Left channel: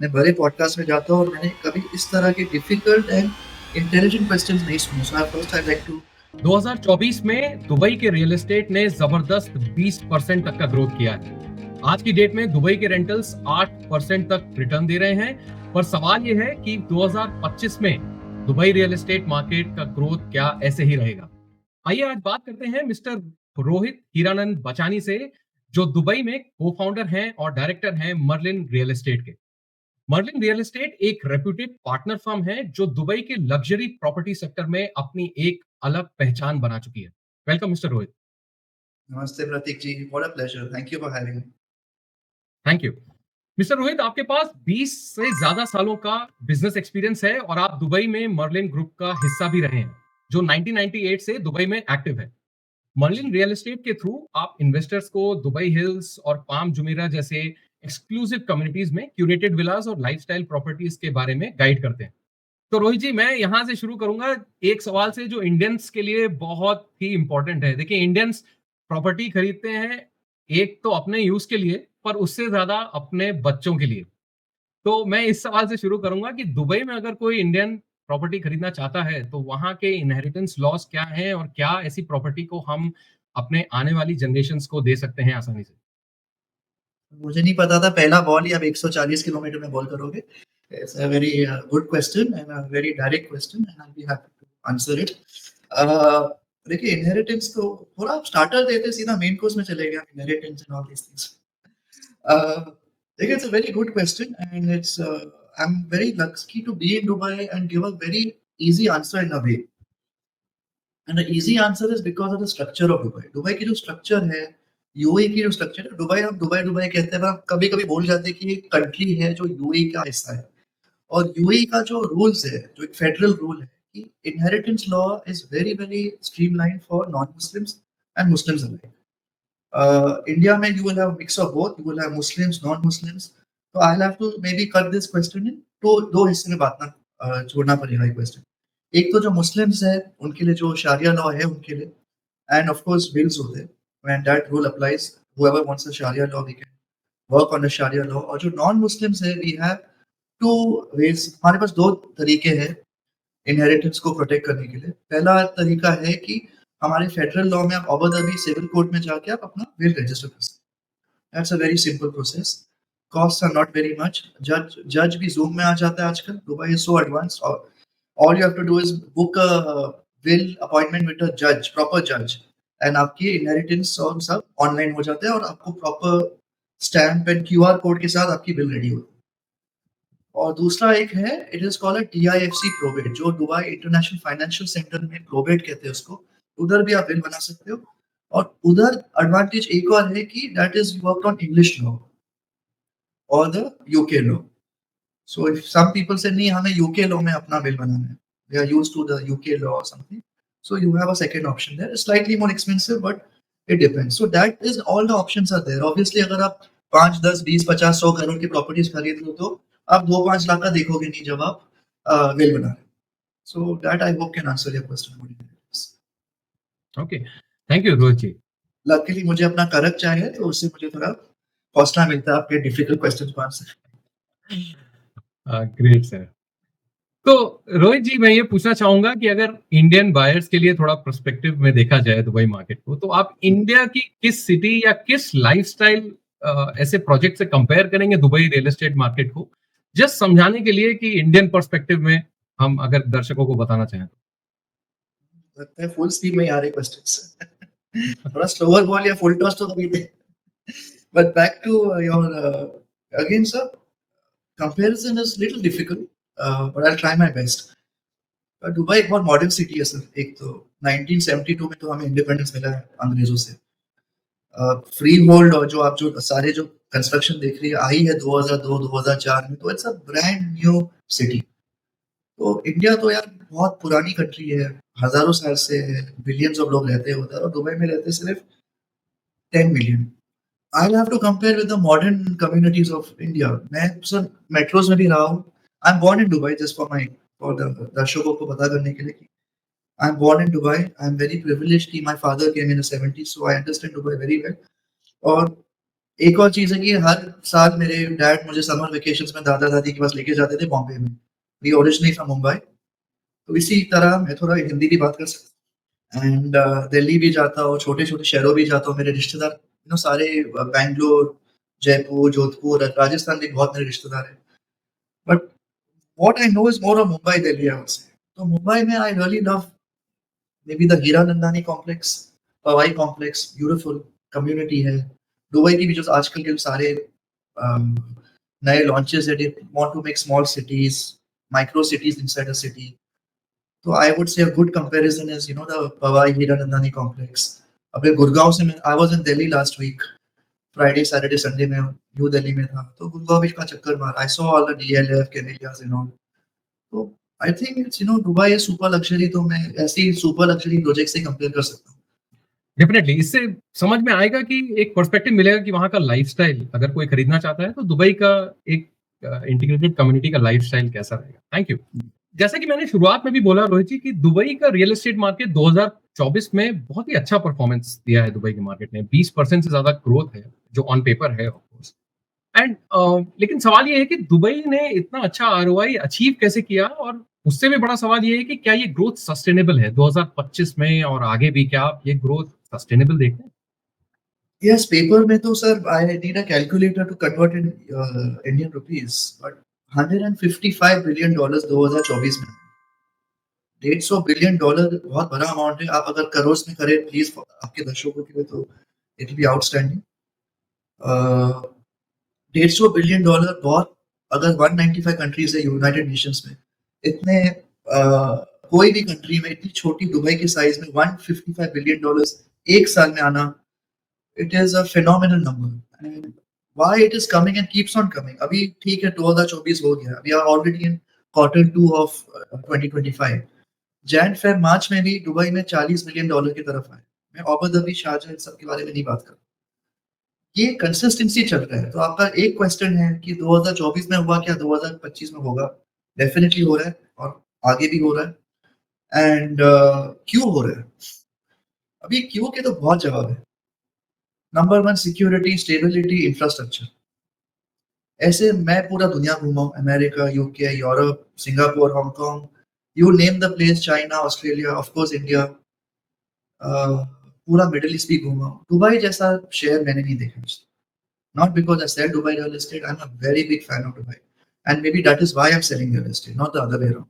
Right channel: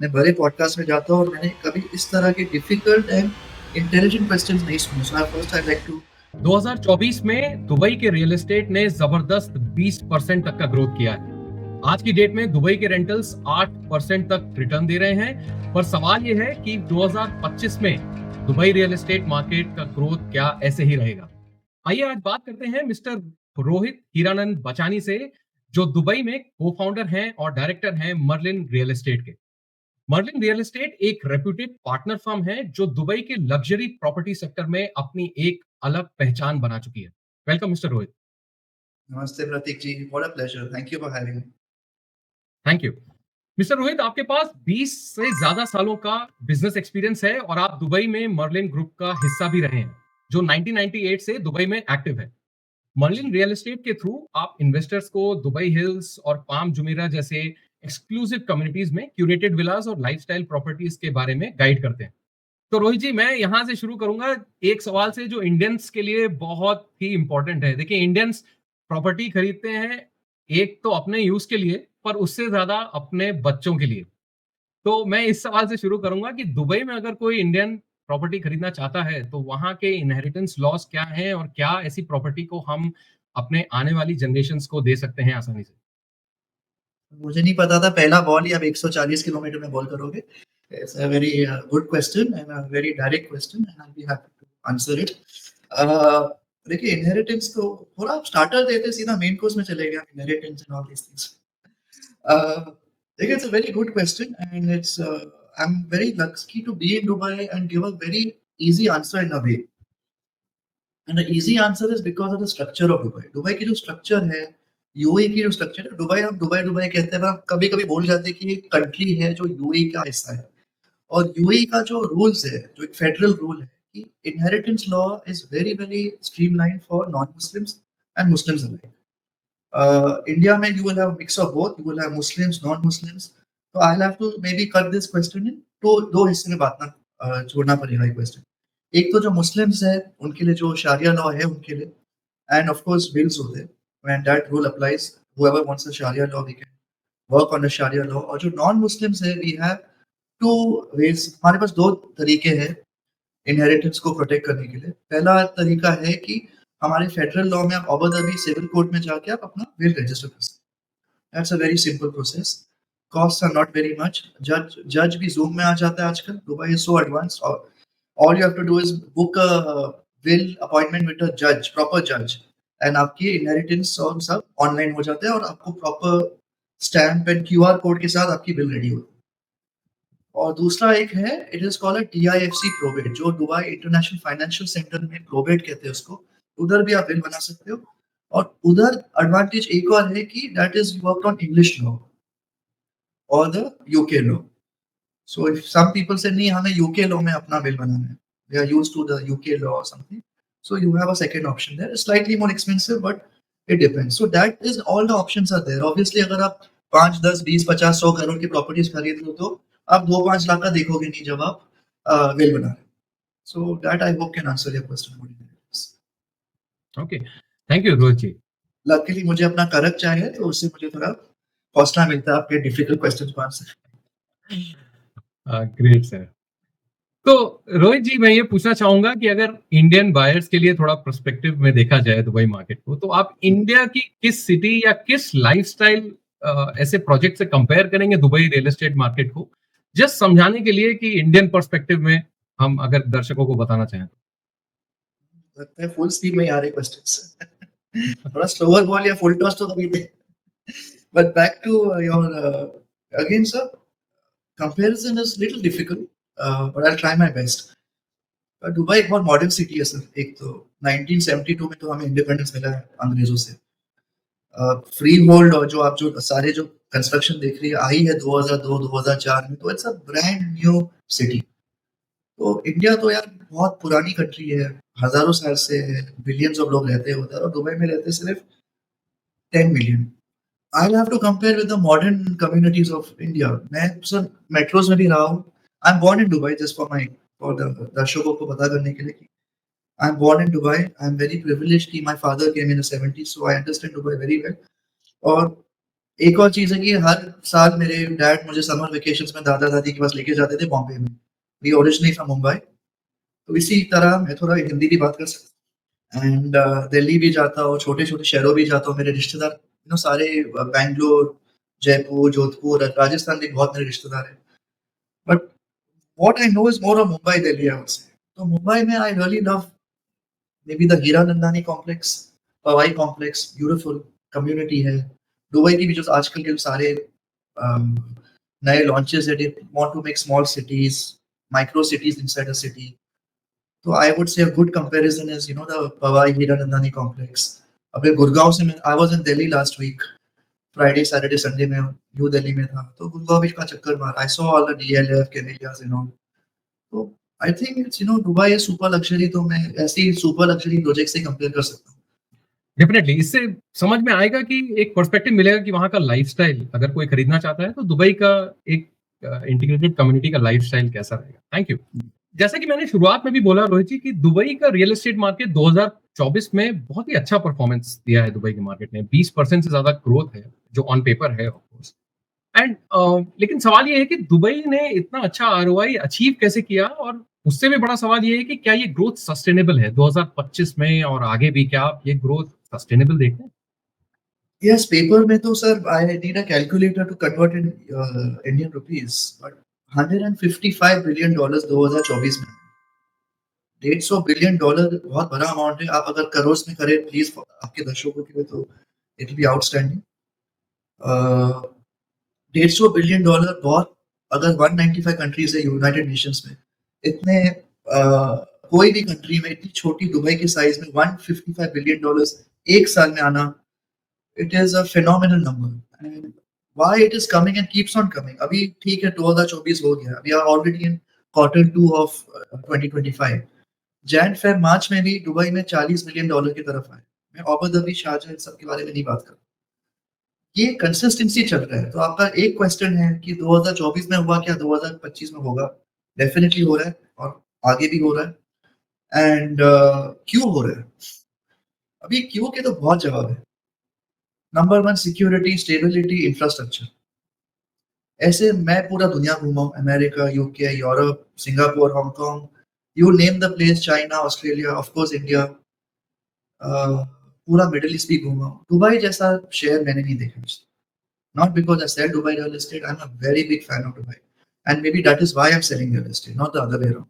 मैं बड़े पॉडकास्ट में जाता हूँ और मैंने कभी इस तरह के डिफिकल्ट एंड इंटेलिजेंट क्वेश्चंस नहीं सुने। So I first I like to 2024 में दुबई के रियल एस्टेट ने जबरदस्त 20% तक का ग्रोथ किया है। आज की डेट में दुबई के रेंटल्स 8% तक रिटर्न दे रहे हैं। पर सवाल यह है कि 2025 में दुबई रियल एस्टेट मार्केट का ग्रोथ क्या ऐसे ही रहेगा? आइए आज बात करते हैं मिस्टर रोहित हीरानंद बचानी से, जो दुबई में को फाउंडर हैं और डायरेक्टर हैं मर्लिन रियल एस्टेट के। मर्लिन रियल एस्टेट एक रेप्यूटेड पार्टनर फर्म है जो दुबई के लग्जरी प्रॉपर्टी सेक्टर में अपनी एक अलग पहचान बना चुकी है। Welcome mister Rohit. नमस्ते Pratik ji, what a pleasure, thank you for having me. Thank you. Mister Rohit, आपके पास 20 से ज्यादा सालों का बिजनेस एक्सपीरियंस है और आप दुबई में मर्लिन ग्रुप का हिस्सा भी रहे हैं, जो 1998 से दुबई में एक्टिव है। मर्लिन रियल एस्टेट के थ्रू आप इन्वेस्टर्स को दुबई हिल्स और पाम जुमेरा जैसे एक्सक्लूसिव कम्युनिटीज में क्यूरेटेड विलास और लाइफस्टाइल प्रॉपर्टीज के बारे में गाइड करते हैं। तो रोहित जी, मैं यहां से शुरू करूंगा एक सवाल से जो इंडियंस के लिए बहुत ही इंपॉर्टेंट है। देखिए, इंडियंस प्रॉपर्टी खरीदते हैं एक तो अपने यूज के लिए, पर उससे ज्यादा अपने बच्चों के लिए। तो मैं इस सवाल से शुरू करूंगा कि दुबई में अगर कोई इंडियन प्रॉपर्टी खरीदना चाहता है तो वहां के इनहेरिटेंस लॉस क्या है और क्या ऐसी प्रॉपर्टी को हम अपने आने वाली जनरेशन को दे सकते हैं आसानी से? मुझे नहीं पता था पहला बॉल ही आप 140 किलोमीटर में बॉल करोगे। It's a very good question and a very direct question and I will be happy to answer it. देखिए, इनहेरिटेंस तो थोड़ा आप स्टार्टर देते सीधा मेन कोर्स में चले गए, inheritance and all these things. देखिए, it's a very good question and it's I am very lucky to be in Dubai and give a very easy answer in a way. And the easy answer is because of the structure of Dubai. Dubai की जो structure है, UAE की जो structure है, Dubai हम Dubai Dubai कहते हैं, पर कभी कभी भूल जाते हैं कि एक कंट्री है जो यूएई का हिस्सा है। और यूएई का जो रूल्स है, जो एक फेडरल रूल है कि inheritance law is very very streamline for non Muslims and Muslims alike. India में you will have mix of both, you will have Muslims non Muslims. तो I have to maybe cut this question in तो दो हिस्से में बात ना छोड़ना पड़ेगा ये क्वेश्चन। एक तो जो मुस्लिम्स है उनके लिए जो शारिया लॉ है उनके लिए, एंड ऑफ कोर्स बिल्स होते हैं when that rule applies, whoever wants a sharia law we can work on the sharia law। और जो नॉन मुस्लिम्स है वी हैव टू वेज, हमारे पास दो तरीके हैं इनहेरिटेंस को प्रोटेक्ट करने के लिए। पहला तरीका है कि हमारे फेडरल लॉ में आप अबू धाबी सिविल कोर्ट में जाके आप अपना विल रजिस्टर कर सकते हैं। That's a very simple process. Cost are not very much. जज भी जूम में आ जाता है आजकल, दुबई इज सो एडवांस। और all you have to do is book a will appointment with a judge, proper judge, and आपकी inheritance और सब ऑनलाइन हो जाता है और आपको proper stamp and QR code के साथ आपकी बिल रेडी होती है। और दूसरा एक है, it is called DIFC probate, जो दुबई इंटरनेशनल फाइनेंशियल सेंटर में प्रोबेट कहते हैं उसको। उधर भी आप बिल बना सकते हो। और उधर एडवांटेज एक और है कि that is work on English law और the UK law. So if some people say नहीं हमें यूके लॉ में अपना बिल बनाना है, they are used to the UK law or something, so you have a second option there. It's slightly more expensive but it depends. So that is all the options are there. Obviously अगर आप 5 10 20 50 100 करोड़ की properties खरीद लो तो आप 2-5 लाख का देखोगे नहीं जब आप बिल बना रहे हो। So that I hope can answer your question. Okay, thank you Rohit ji. Luckily मुझे अपना करक चाहिए तो उससे मुझे थोड़ा हौसला मिलता है आपके डिफिकल्ट क्वेश्चन को आंसर। Great sir. तो रोहित जी, मैं ये पूछना चाहूंगा कि अगर इंडियन बायर्स के लिए थोड़ा पर्सपेक्टिव में देखा जाए दुबई मार्केट को, तो आप इंडिया की किस सिटी या किस लाइफस्टाइल ऐसे प्रोजेक्ट से कंपेयर करेंगे दुबई रियल एस्टेट मार्केट को, जस्ट समझाने के लिए कि इंडियन पर्सपेक्टिव में हम अगर दर्शकों को बताना चाहें तो? लगता है फुल स्पीड में ही आ रहे क्वेश्चंस। थोड़ा स्लोवर बोल या फुल टॉस तो कभी दे। But back to your again, sir, comparison is little difficult, but I'll try my best. Dubai एक बहुत मॉडर्न सिटी है सर। एक तो 1972 में तो हमें इंडिपेंडेंस मिला है अंग्रेजों से। फ्री होल्ड और जो आप जो सारे जो कंस्ट्रक्शन देख रही है आई है 2002 2004 में, तो it's a brand new city. तो इंडिया तो यार बहुत पुरानी कंट्री है, हजारों साल से बिलियंस ऑफ लोग रहते हैं उधर, और दुबई में रहते सिर्फ 10 million. I'll have to compare with the modern communities of India. मैं सर मेट्रोज में भी रहा हूँ। I am born in Dubai, just for my for the दर्शकों को पता करने के लिए कि I am born in Dubai. I am very privileged कि my father came in the 70s, so I understand Dubai very well. और एक और चीज़ है कि हर साल मेरे डैड मुझे समर वेकेशंस में दादा-दादी के पास लेके जाते थे बॉम्बे में। वी ओरिजिनली फ्रॉम मुंबई, तो इसी तरह मैं थोड़ा हिंदी भी बात कर सकता हूँ एंड दिल्ली भी जाता हूँ, छोटे-छोटे शहरों भी जाता हूँ। मेरे रिश्तेदार सारे बैंगलोर, जयपुर, जोधपुर, राजस्थान भी बहुत मेरे रिश्तेदार हैं। But what I know is more of Mumbai, Delhi I would say. तो मुंबई में I really love maybe the Hiranandani complex, Powai complex, beautiful community है। दुबई की भी जो आजकल के सारे um, नए लॉन्चेस है, they want to make small cities, micro cities inside a city. तो I would say a good comparison is the Powai Hiranandani complex. अभी गुड़गांव से मैं I was in Delhi last week, Friday Saturday Sunday में न्यू दिल्ली में था, तो गुड़गांव भी का चक्कर मारा। I saw all the DLF Camellias and all. तो I think it's Dubai is super luxury, तो मैं ऐसे ही सुपर लग्जरी प्रोजेक्ट से कंपेयर कर सकता हूँ। डेफिनेटली इससे समझ में आएगा कि एक पर्सपेक्टिव मिलेगा कि वहाँ का लाइफस्टाइल अगर कोई खरीदना चाहता है तो दुबई का एक इंटीग्रेटेड कम्युनिटी का लाइफस्टाइल कैसा रहेगा। Thank you. जैसा कि मैंने शुरुआत में भी बोला रोहित जी कि दुबई का रियल एस्टेट मार्केट 2024 में बहुत ही अच्छा परफॉर्मेंस दिया है। दुबई के मार्केट ने 20% से ज्यादा ग्रोथ है जो ऑन पेपर है ऑफ कोर्स। एंड लेकिन सवाल ये है कि दुबई ने इतना अच्छा आरओआई अचीव कैसे किया, और उससे भी बड़ा सवाल ये है कि क्या ये ग्रोथ सस्टेनेबल है 2025 में और आगे भी, क्या आप ये ग्रोथ सस्टेनेबल देखते हैं? यस, पेपर में तो sir I need a calculator to convert in Indian rupees, but $155 billion 2024 में। $150 बिलियन बहुत बड़ा अमाउंट है। आप अगर करोड़ में करें प्लीज आपके दर्शकों के लिए, तो it will be outstanding. $150 billion बहुत, अगर 195 कंट्रीज है यूनाइटेड नेशंस में, इतने कोई भी कंट्री में इतनी छोटी दुबई के साइज में $155 बिलियन एक साल में आना, it is a phenomenal number. And why it is coming and keeps on coming. अभी ठीक है 2024 हो गया, we are already in quarter 2 of 2025। Jain फिर मार्च में भी दुबई में $40 बिलियन की तरफ आए। मैं अबू धाबी, शारजाह इन सब के बारे में नहीं बात कर रहा। ये कंसिस्टेंसी चल रहा है। तो आपका एक क्वेश्चन है कि 2024 में हुआ क्या 2025 में होगा? डेफिनेटली हो रहा है और आगे भी हो रहा है। एंड क्यों हो रहा है? अभी क्यों के तो बहुत जवाब है। Number 1 security, stability, infrastructure. ऐसे मैं पूरा दुनिया घूमा हूँ, America, UK, Europe, Singapore, Hong Kong, you name the place, China, Australia, of course India, पूरा मिडिल ईस्ट भी घूमा हूँ। दुबई जैसा शहर मैंने नहीं देखा। Not because I sell Dubai real estate, I am a very big fan of Dubai and maybe that is why I am selling real estate, not the other way around.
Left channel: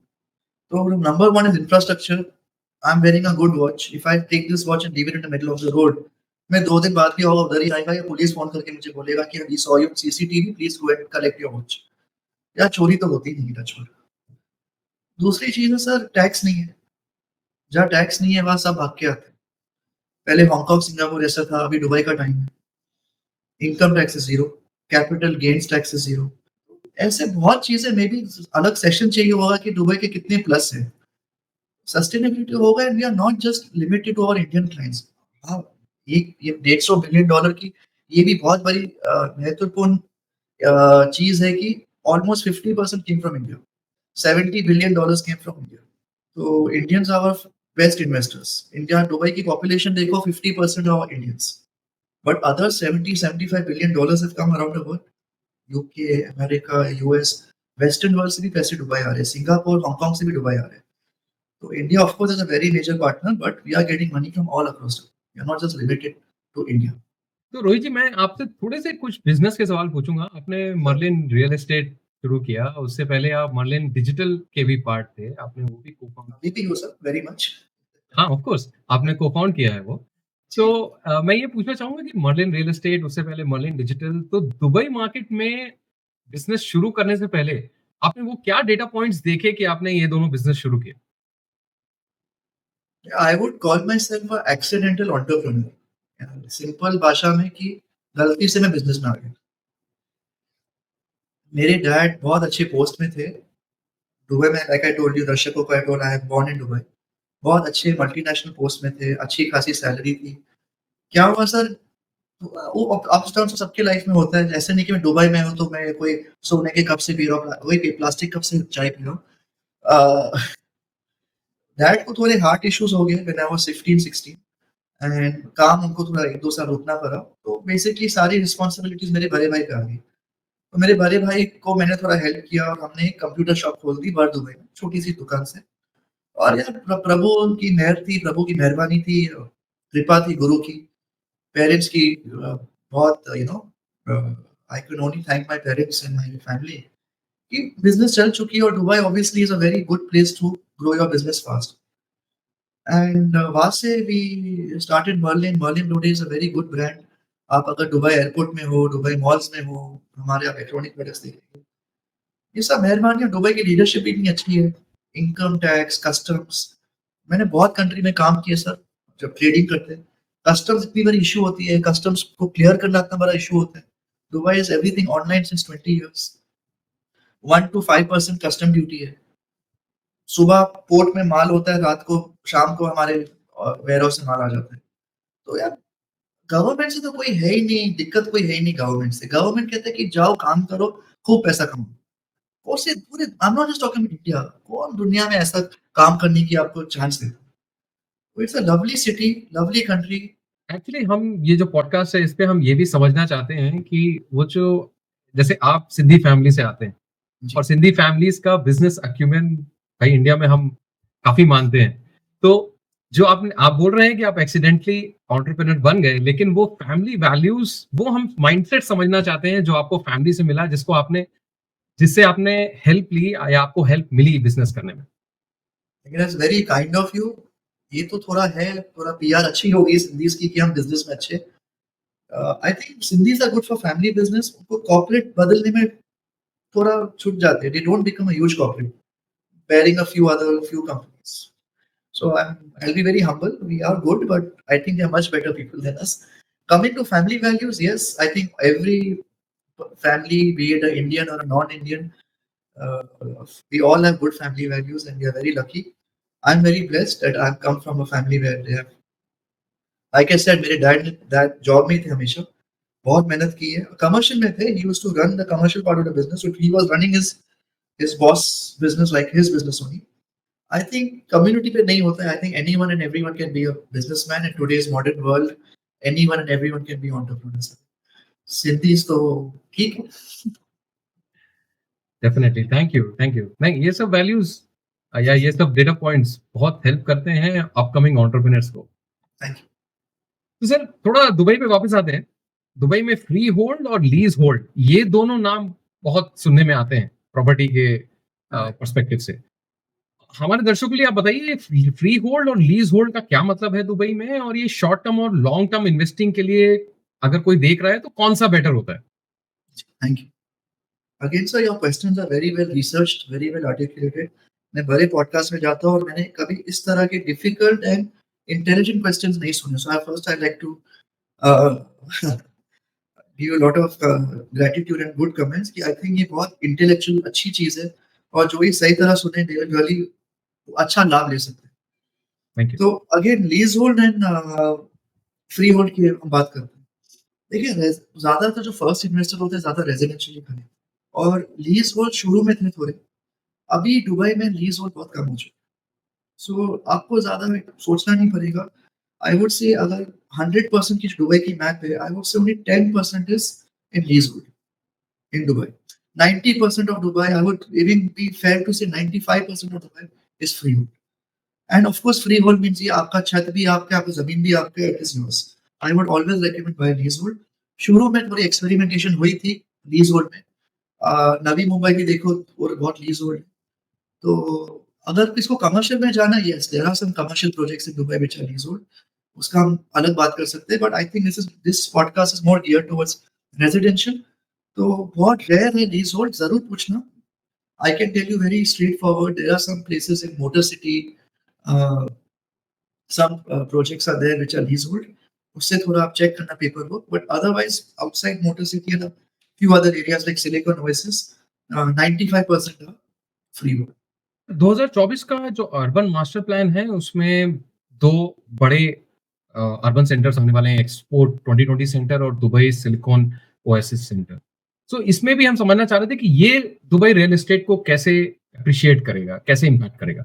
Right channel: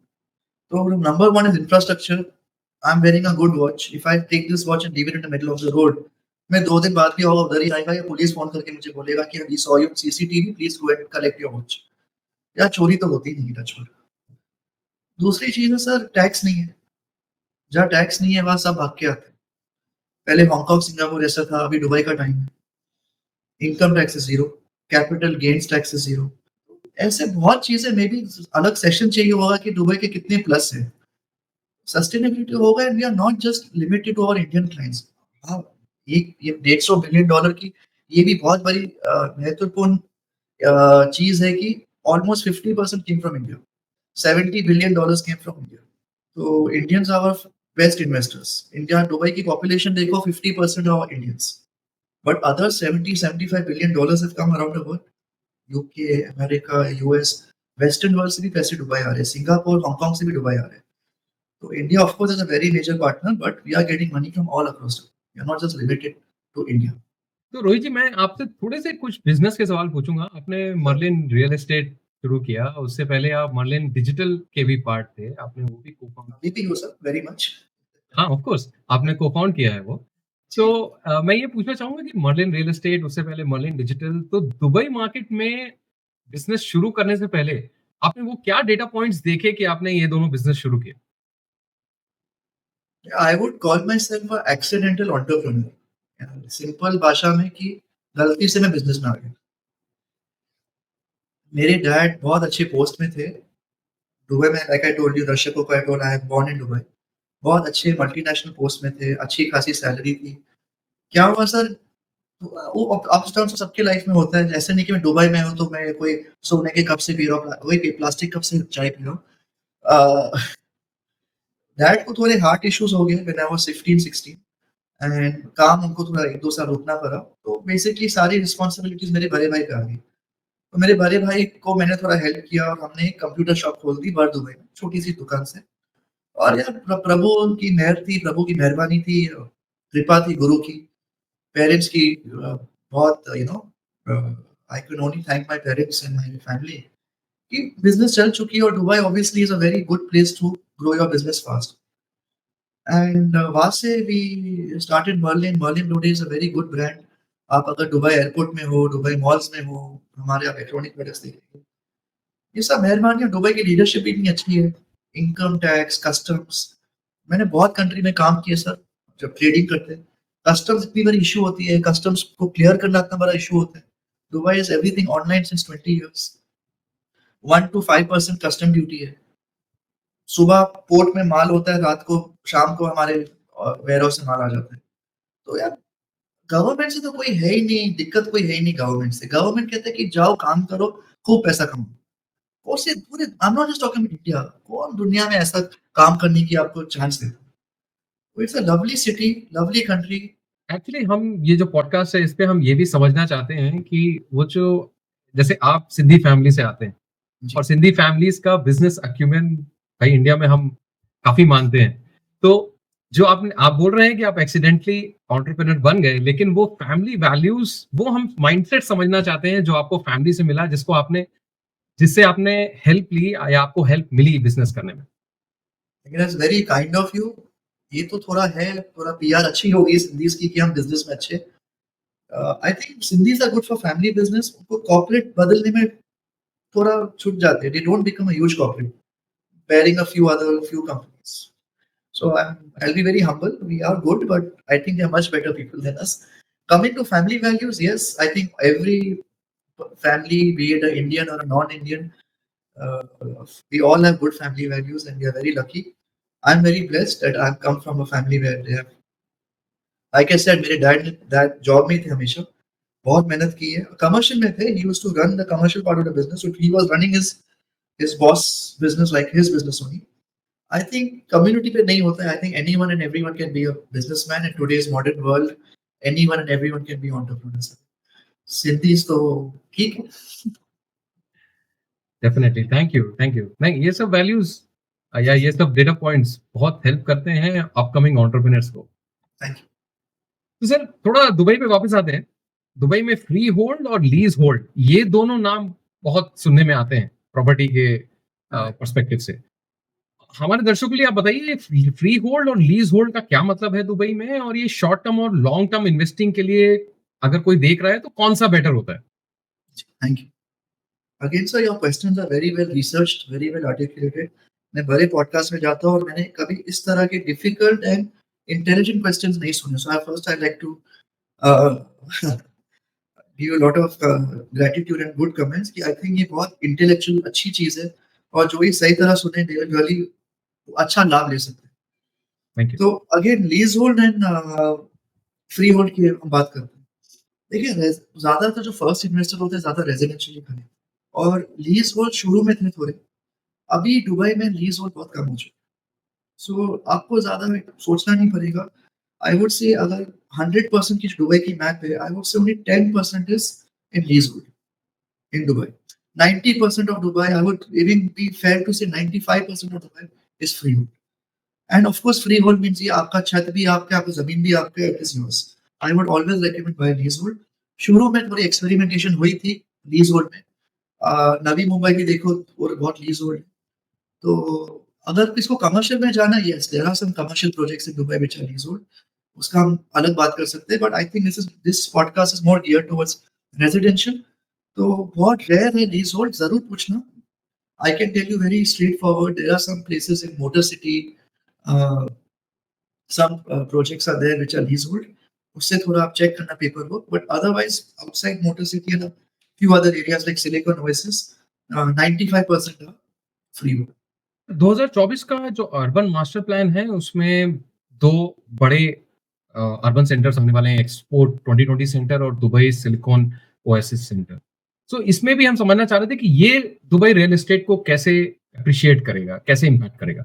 तो number 1 is infrastructure. I am wearing a good watch, if I take this watch and leave it in the middle of the road, मैं 2 दिन बाद भी होगा उधर ही आएगा, या police phone करके मुझे बोलेगा कि we saw you CCTV, please go and collect your watch. यार चोरी तो होती नहीं है टच। दूसरी चीज़ है सर, टैक्स नहीं है। जहाँ टैक्स नहीं है वहाँ सब भाग के आते हैं। पहले हांगकांग, सिंगापुर ऐसा था, अभी दुबई का टाइम है। इनकम टैक्स है ज़ीरो, कैपिटल गेन्स टैक्स है ज़ीरो। ऐसे बहुत चीज़ें, मे बी अलग सेशन चाहिए होगा कि दुबई के कितने प्लस है। सस्टेनेबिलिटी होगा and we are not just limited to our Indian clients. हाँ, ये $150 बिलियन की ये भी बहुत बड़ी महत्वपूर्ण चीज़ है कि almost 50% came from India. $70 billion came from India. तो Indians are best investors. India, Dubai की पॉपुलेशन देखो, 50% of Indians, but other 70-75 billion have come around the world. UK, America, US, western world से भी पैसे दुबई आ रहे हैं, Singapore, Hong Kong से भी दुबई आ रहे हैं। तो India of course is a very major partner, but we are getting money from all across the world, we are not just limited to India. तो रोहित जी, मैं आपसे थोड़े से कुछ बिजनेस के सवाल पूछूंगा। आपने मर्लिन रियल एस्टेट शुरू किया, उससे पहले आप मर्लिन डिजिटल के भी पार्ट थे, आपने वो भी को found. VP you sir, very much. हाँ ऑफ कोर्स, आपने को फाउंड किया है वो। तो जी। मैं ये पूछना चाहूंगा कि मर्लिन रियल एस्टेट, उससे पहले मर्लिन डिजिटल, तो दुबई मार्केट में बिजनेस शुरू करने से पहले आपने वो क्या डेटा पॉइंट्स देखे कि आपने ये दोनों बिजनेस शुरू किए? I would call my self a accidental entrepreneur. Simple भाषा में कि गलती से मैं बिजनेस में आ गया। मेरे डैड बहुत अच्छे पोस्ट में थे दुबई में, लाइक आई टोल्ड यू, दर्शकों को I told I am born in Dubai. बहुत अच्छे मल्टीनेशनल पोस्ट में थे, अच्छी खासी सैलरी थी। क्या हुआ सर, वो अप्स डाउन तो सबकी लाइफ में होता है। ऐसे नहीं कि मैं दुबई में हूँ तो मैं कोई सोने के कप से पी रहा हूँ, वही प्लास्टिक कप से चाय पी रहा हूँ। डैड को थोड़े हार्ट इश्यूज हो गए व्हेन आई वाज 15-16, एंड काम उनको थोड़ा 1-2 साल रुकना पड़ा। तो बेसिकली सारी रिस्पॉन्सिबिलिटीज़ मेरे बड़े भाई पे आ गई। तो मेरे बड़े भाई को मैंने थोड़ा हेल्प किया और हमने एक कंप्यूटर शॉप खोल दी बाहर दुबई में, छोटी-सी दुकान से। और यार प्रभु की मेहर थी, प्रभु की मेहरबानी थी, कृपा थी गुरु की, पेरेंट्स की, बहुत I can only thank my parents and my family कि बिज़नेस चल चुकी है और Dubai obviously is a very good place to grow your business fast. And वहाँ से we started Merlin. Merlin today is a very good brand. आप अगर Dubai airport में हो, दुबई मॉल्स में हो, हमारे आप इलेक्ट्रॉनिक प्रोडक्ट्स देखेंगे। ये सब मेहरबानी है, दुबई की लीडरशिप इतनी अच्छी है। इनकम टैक्स, कस्टम्स, मैंने बहुत कंट्री में काम किया सर, जब ट्रेडिंग करते हैं। कस्टम्स इतनी बड़ी इश्यू होती है, कस्टम्स को क्लियर करना इतना बड़ा इश्यू होता है। Dubai is everything online since 20 years. 1 to 5% custom duty है। सुबह पोर्ट में माल होता है, रात को शाम को हमारे वेयरहाउस से माल आ जाता है। तो यार गवर्नमेंट से तो कोई है ही नहीं, दिक्कत कोई है ही नहीं गवर्नमेंट से। गवर्नमेंट कहते हैं कि जाओ काम करो, खूब पैसा कमाओ। और से पूरे I am not just talking India, कौन दुनिया में ऐसा काम करने की आपको चांस देता है? It's a lovely city, lovely country. Actually हम ये जो पॉडकास्ट है इस पे हम ये भी समझना चाहते हैं कि वो जो जैसे आप सिंधी फैमिली से आते हैं और जी, सिंधी फैमिलीज का बिजनेस अक्यूमेन भाई इंडिया में हम काफी मानते हैं। तो जो आप बोल रहे हैं कि आप एक्सीडेंटली एंटरप्रेन्योर बन गए, लेकिन वो फैमिली वैल्यूज, वो हम माइंडसेट समझना चाहते हैं जो आपको फैमिली से मिला, जिससे आपने हेल्प ली या आपको हेल्प मिली बिजनेस करने में। लेकिन it's very kind of you. ये तो थोड़ा है, थोड़ा पीआर अच्छी होगी सिंधीज की कि हम बिजनेस में अच्छे। I think Sindhis are good for family business. उनको कॉर्पोरेट बदलने में थोड़ा छूट जाते हैं। They don't become a huge corporate, bearing a few companies. So I'll be very humble. We are good, but I think they are much better people than us. Coming to family values, yes, I think every family, be it an Indian or a non-Indian, uh, we all have good family values, and we are very lucky. I'm very blessed that I've come from a family where they have, like I said, मेरे dad job में थे हमेशा, बहुत मेहनत की है, commercial में थे। He used to run the commercial part of the business, so he was running his boss business like his business only. I think community पे नहीं होता है। I think anyone and everyone can be a businessman in today's modern world. Anyone and everyone can be entrepreneurs. Siddhis तो ठीक है। Definitely, thank you, thank you. नहीं, ये सब वैल्यूज या ये सब डेटा पॉइंट्स बहुत हेल्प करते हैं अपकमिंग एंटरप्रेन्योर्स को। Thank you. तो सर थोड़ा दुबई पे वापस आते हैं। दुबई में फ्री होल्ड और लीज होल्ड, ये दोनों नाम बहुत सुनने में आते हैं प्रॉपर्टी के पर्सपेक्टिव से। हमारे दर्शकों के लिए आप बताइए फ्री होल्ड और लीज होल्ड का क्या मतलब है दुबई में, और ये शॉर्ट टर्म और लॉन्ग टर्म इन्वेस्टिंग के लिए अगर कोई देख रहा है तो कौन सा बेटर होता है? Thank you. Again sir, your questions are very well researched, very well articulated. मैं बड़े पॉडकास्ट में जाता हूँ और मैंने कभी इस तरह के डिफिकल्ट एंड इंटेलिजेंट क्वेश्चंस नहीं सुने। So I first I like to give a lot of gratitude and good comments कि आई थिंक ये बहुत इंटेलेक्चुअल अच्छी चीज है, और जो ये सही तरह सुने दे विल रियली अच्छा लाभ ले सकते हैं। Thank you. तो again lease hold and free hold की हम बात करते हैं। देखिए ज्यादातर जो फर्स्ट इन्वेस्टर होते हैं ज्यादा रेजिडेंशियल खरीदते हैं, और लीज होल्ड शुरू में थे थोड़े। अभी दुबई में लीज होल्ड बहुत कम हो चुके हैं। सो आपको ज्यादा सोचना नहीं पड़ेगा। आई वुड से अगर 100% की दुबई की मैप है, आई वुड से only 10% is in lease hold in Dubai. 90% of Dubai, I would even be fair to say 95% of Dubai is freehold. And of course, freehold means ये आपका छत भी आपके, आपकी जमीन भी आपके, it is yours. I would always recommend buy leasehold. शुरू में थोड़ी एक्सपेरिमेंटेशन हुई थी लीजहोल्ड में। नवी मुंबई भी देखो और बहुत लीजहोल्ड। तो अगर किसको कमर्शियल में जाना, yes there are some commercial projects in Dubai which are leasehold. उसका हम अलग बात कर सकते हैं, but I think this podcast is more geared towards residential. तो बहुत रेयर है लीजहोल्ड, जरूर पूछना। I can tell you very straightforward. There are some places in Motor City, uh, some projects are there which are leasehold. उससे थोड़ा आप check करना paper work, but otherwise outside motor city and few other areas like Silicon Oasis, 95% are freehold. 2024 का जो urban master plan है उसमें दो बड़े अर्बन सेंटर्स होने वाले हैं, एक्सपोर्ट 2020 सेंटर और दुबई सिलिकॉन ओएसिस सेंटर। सो इसमें भी हम समझना चाह रहे थे कि ये दुबई रियल एस्टेट को कैसे अप्रिशिएट करेगा, कैसे इम्पैक्ट करेगा।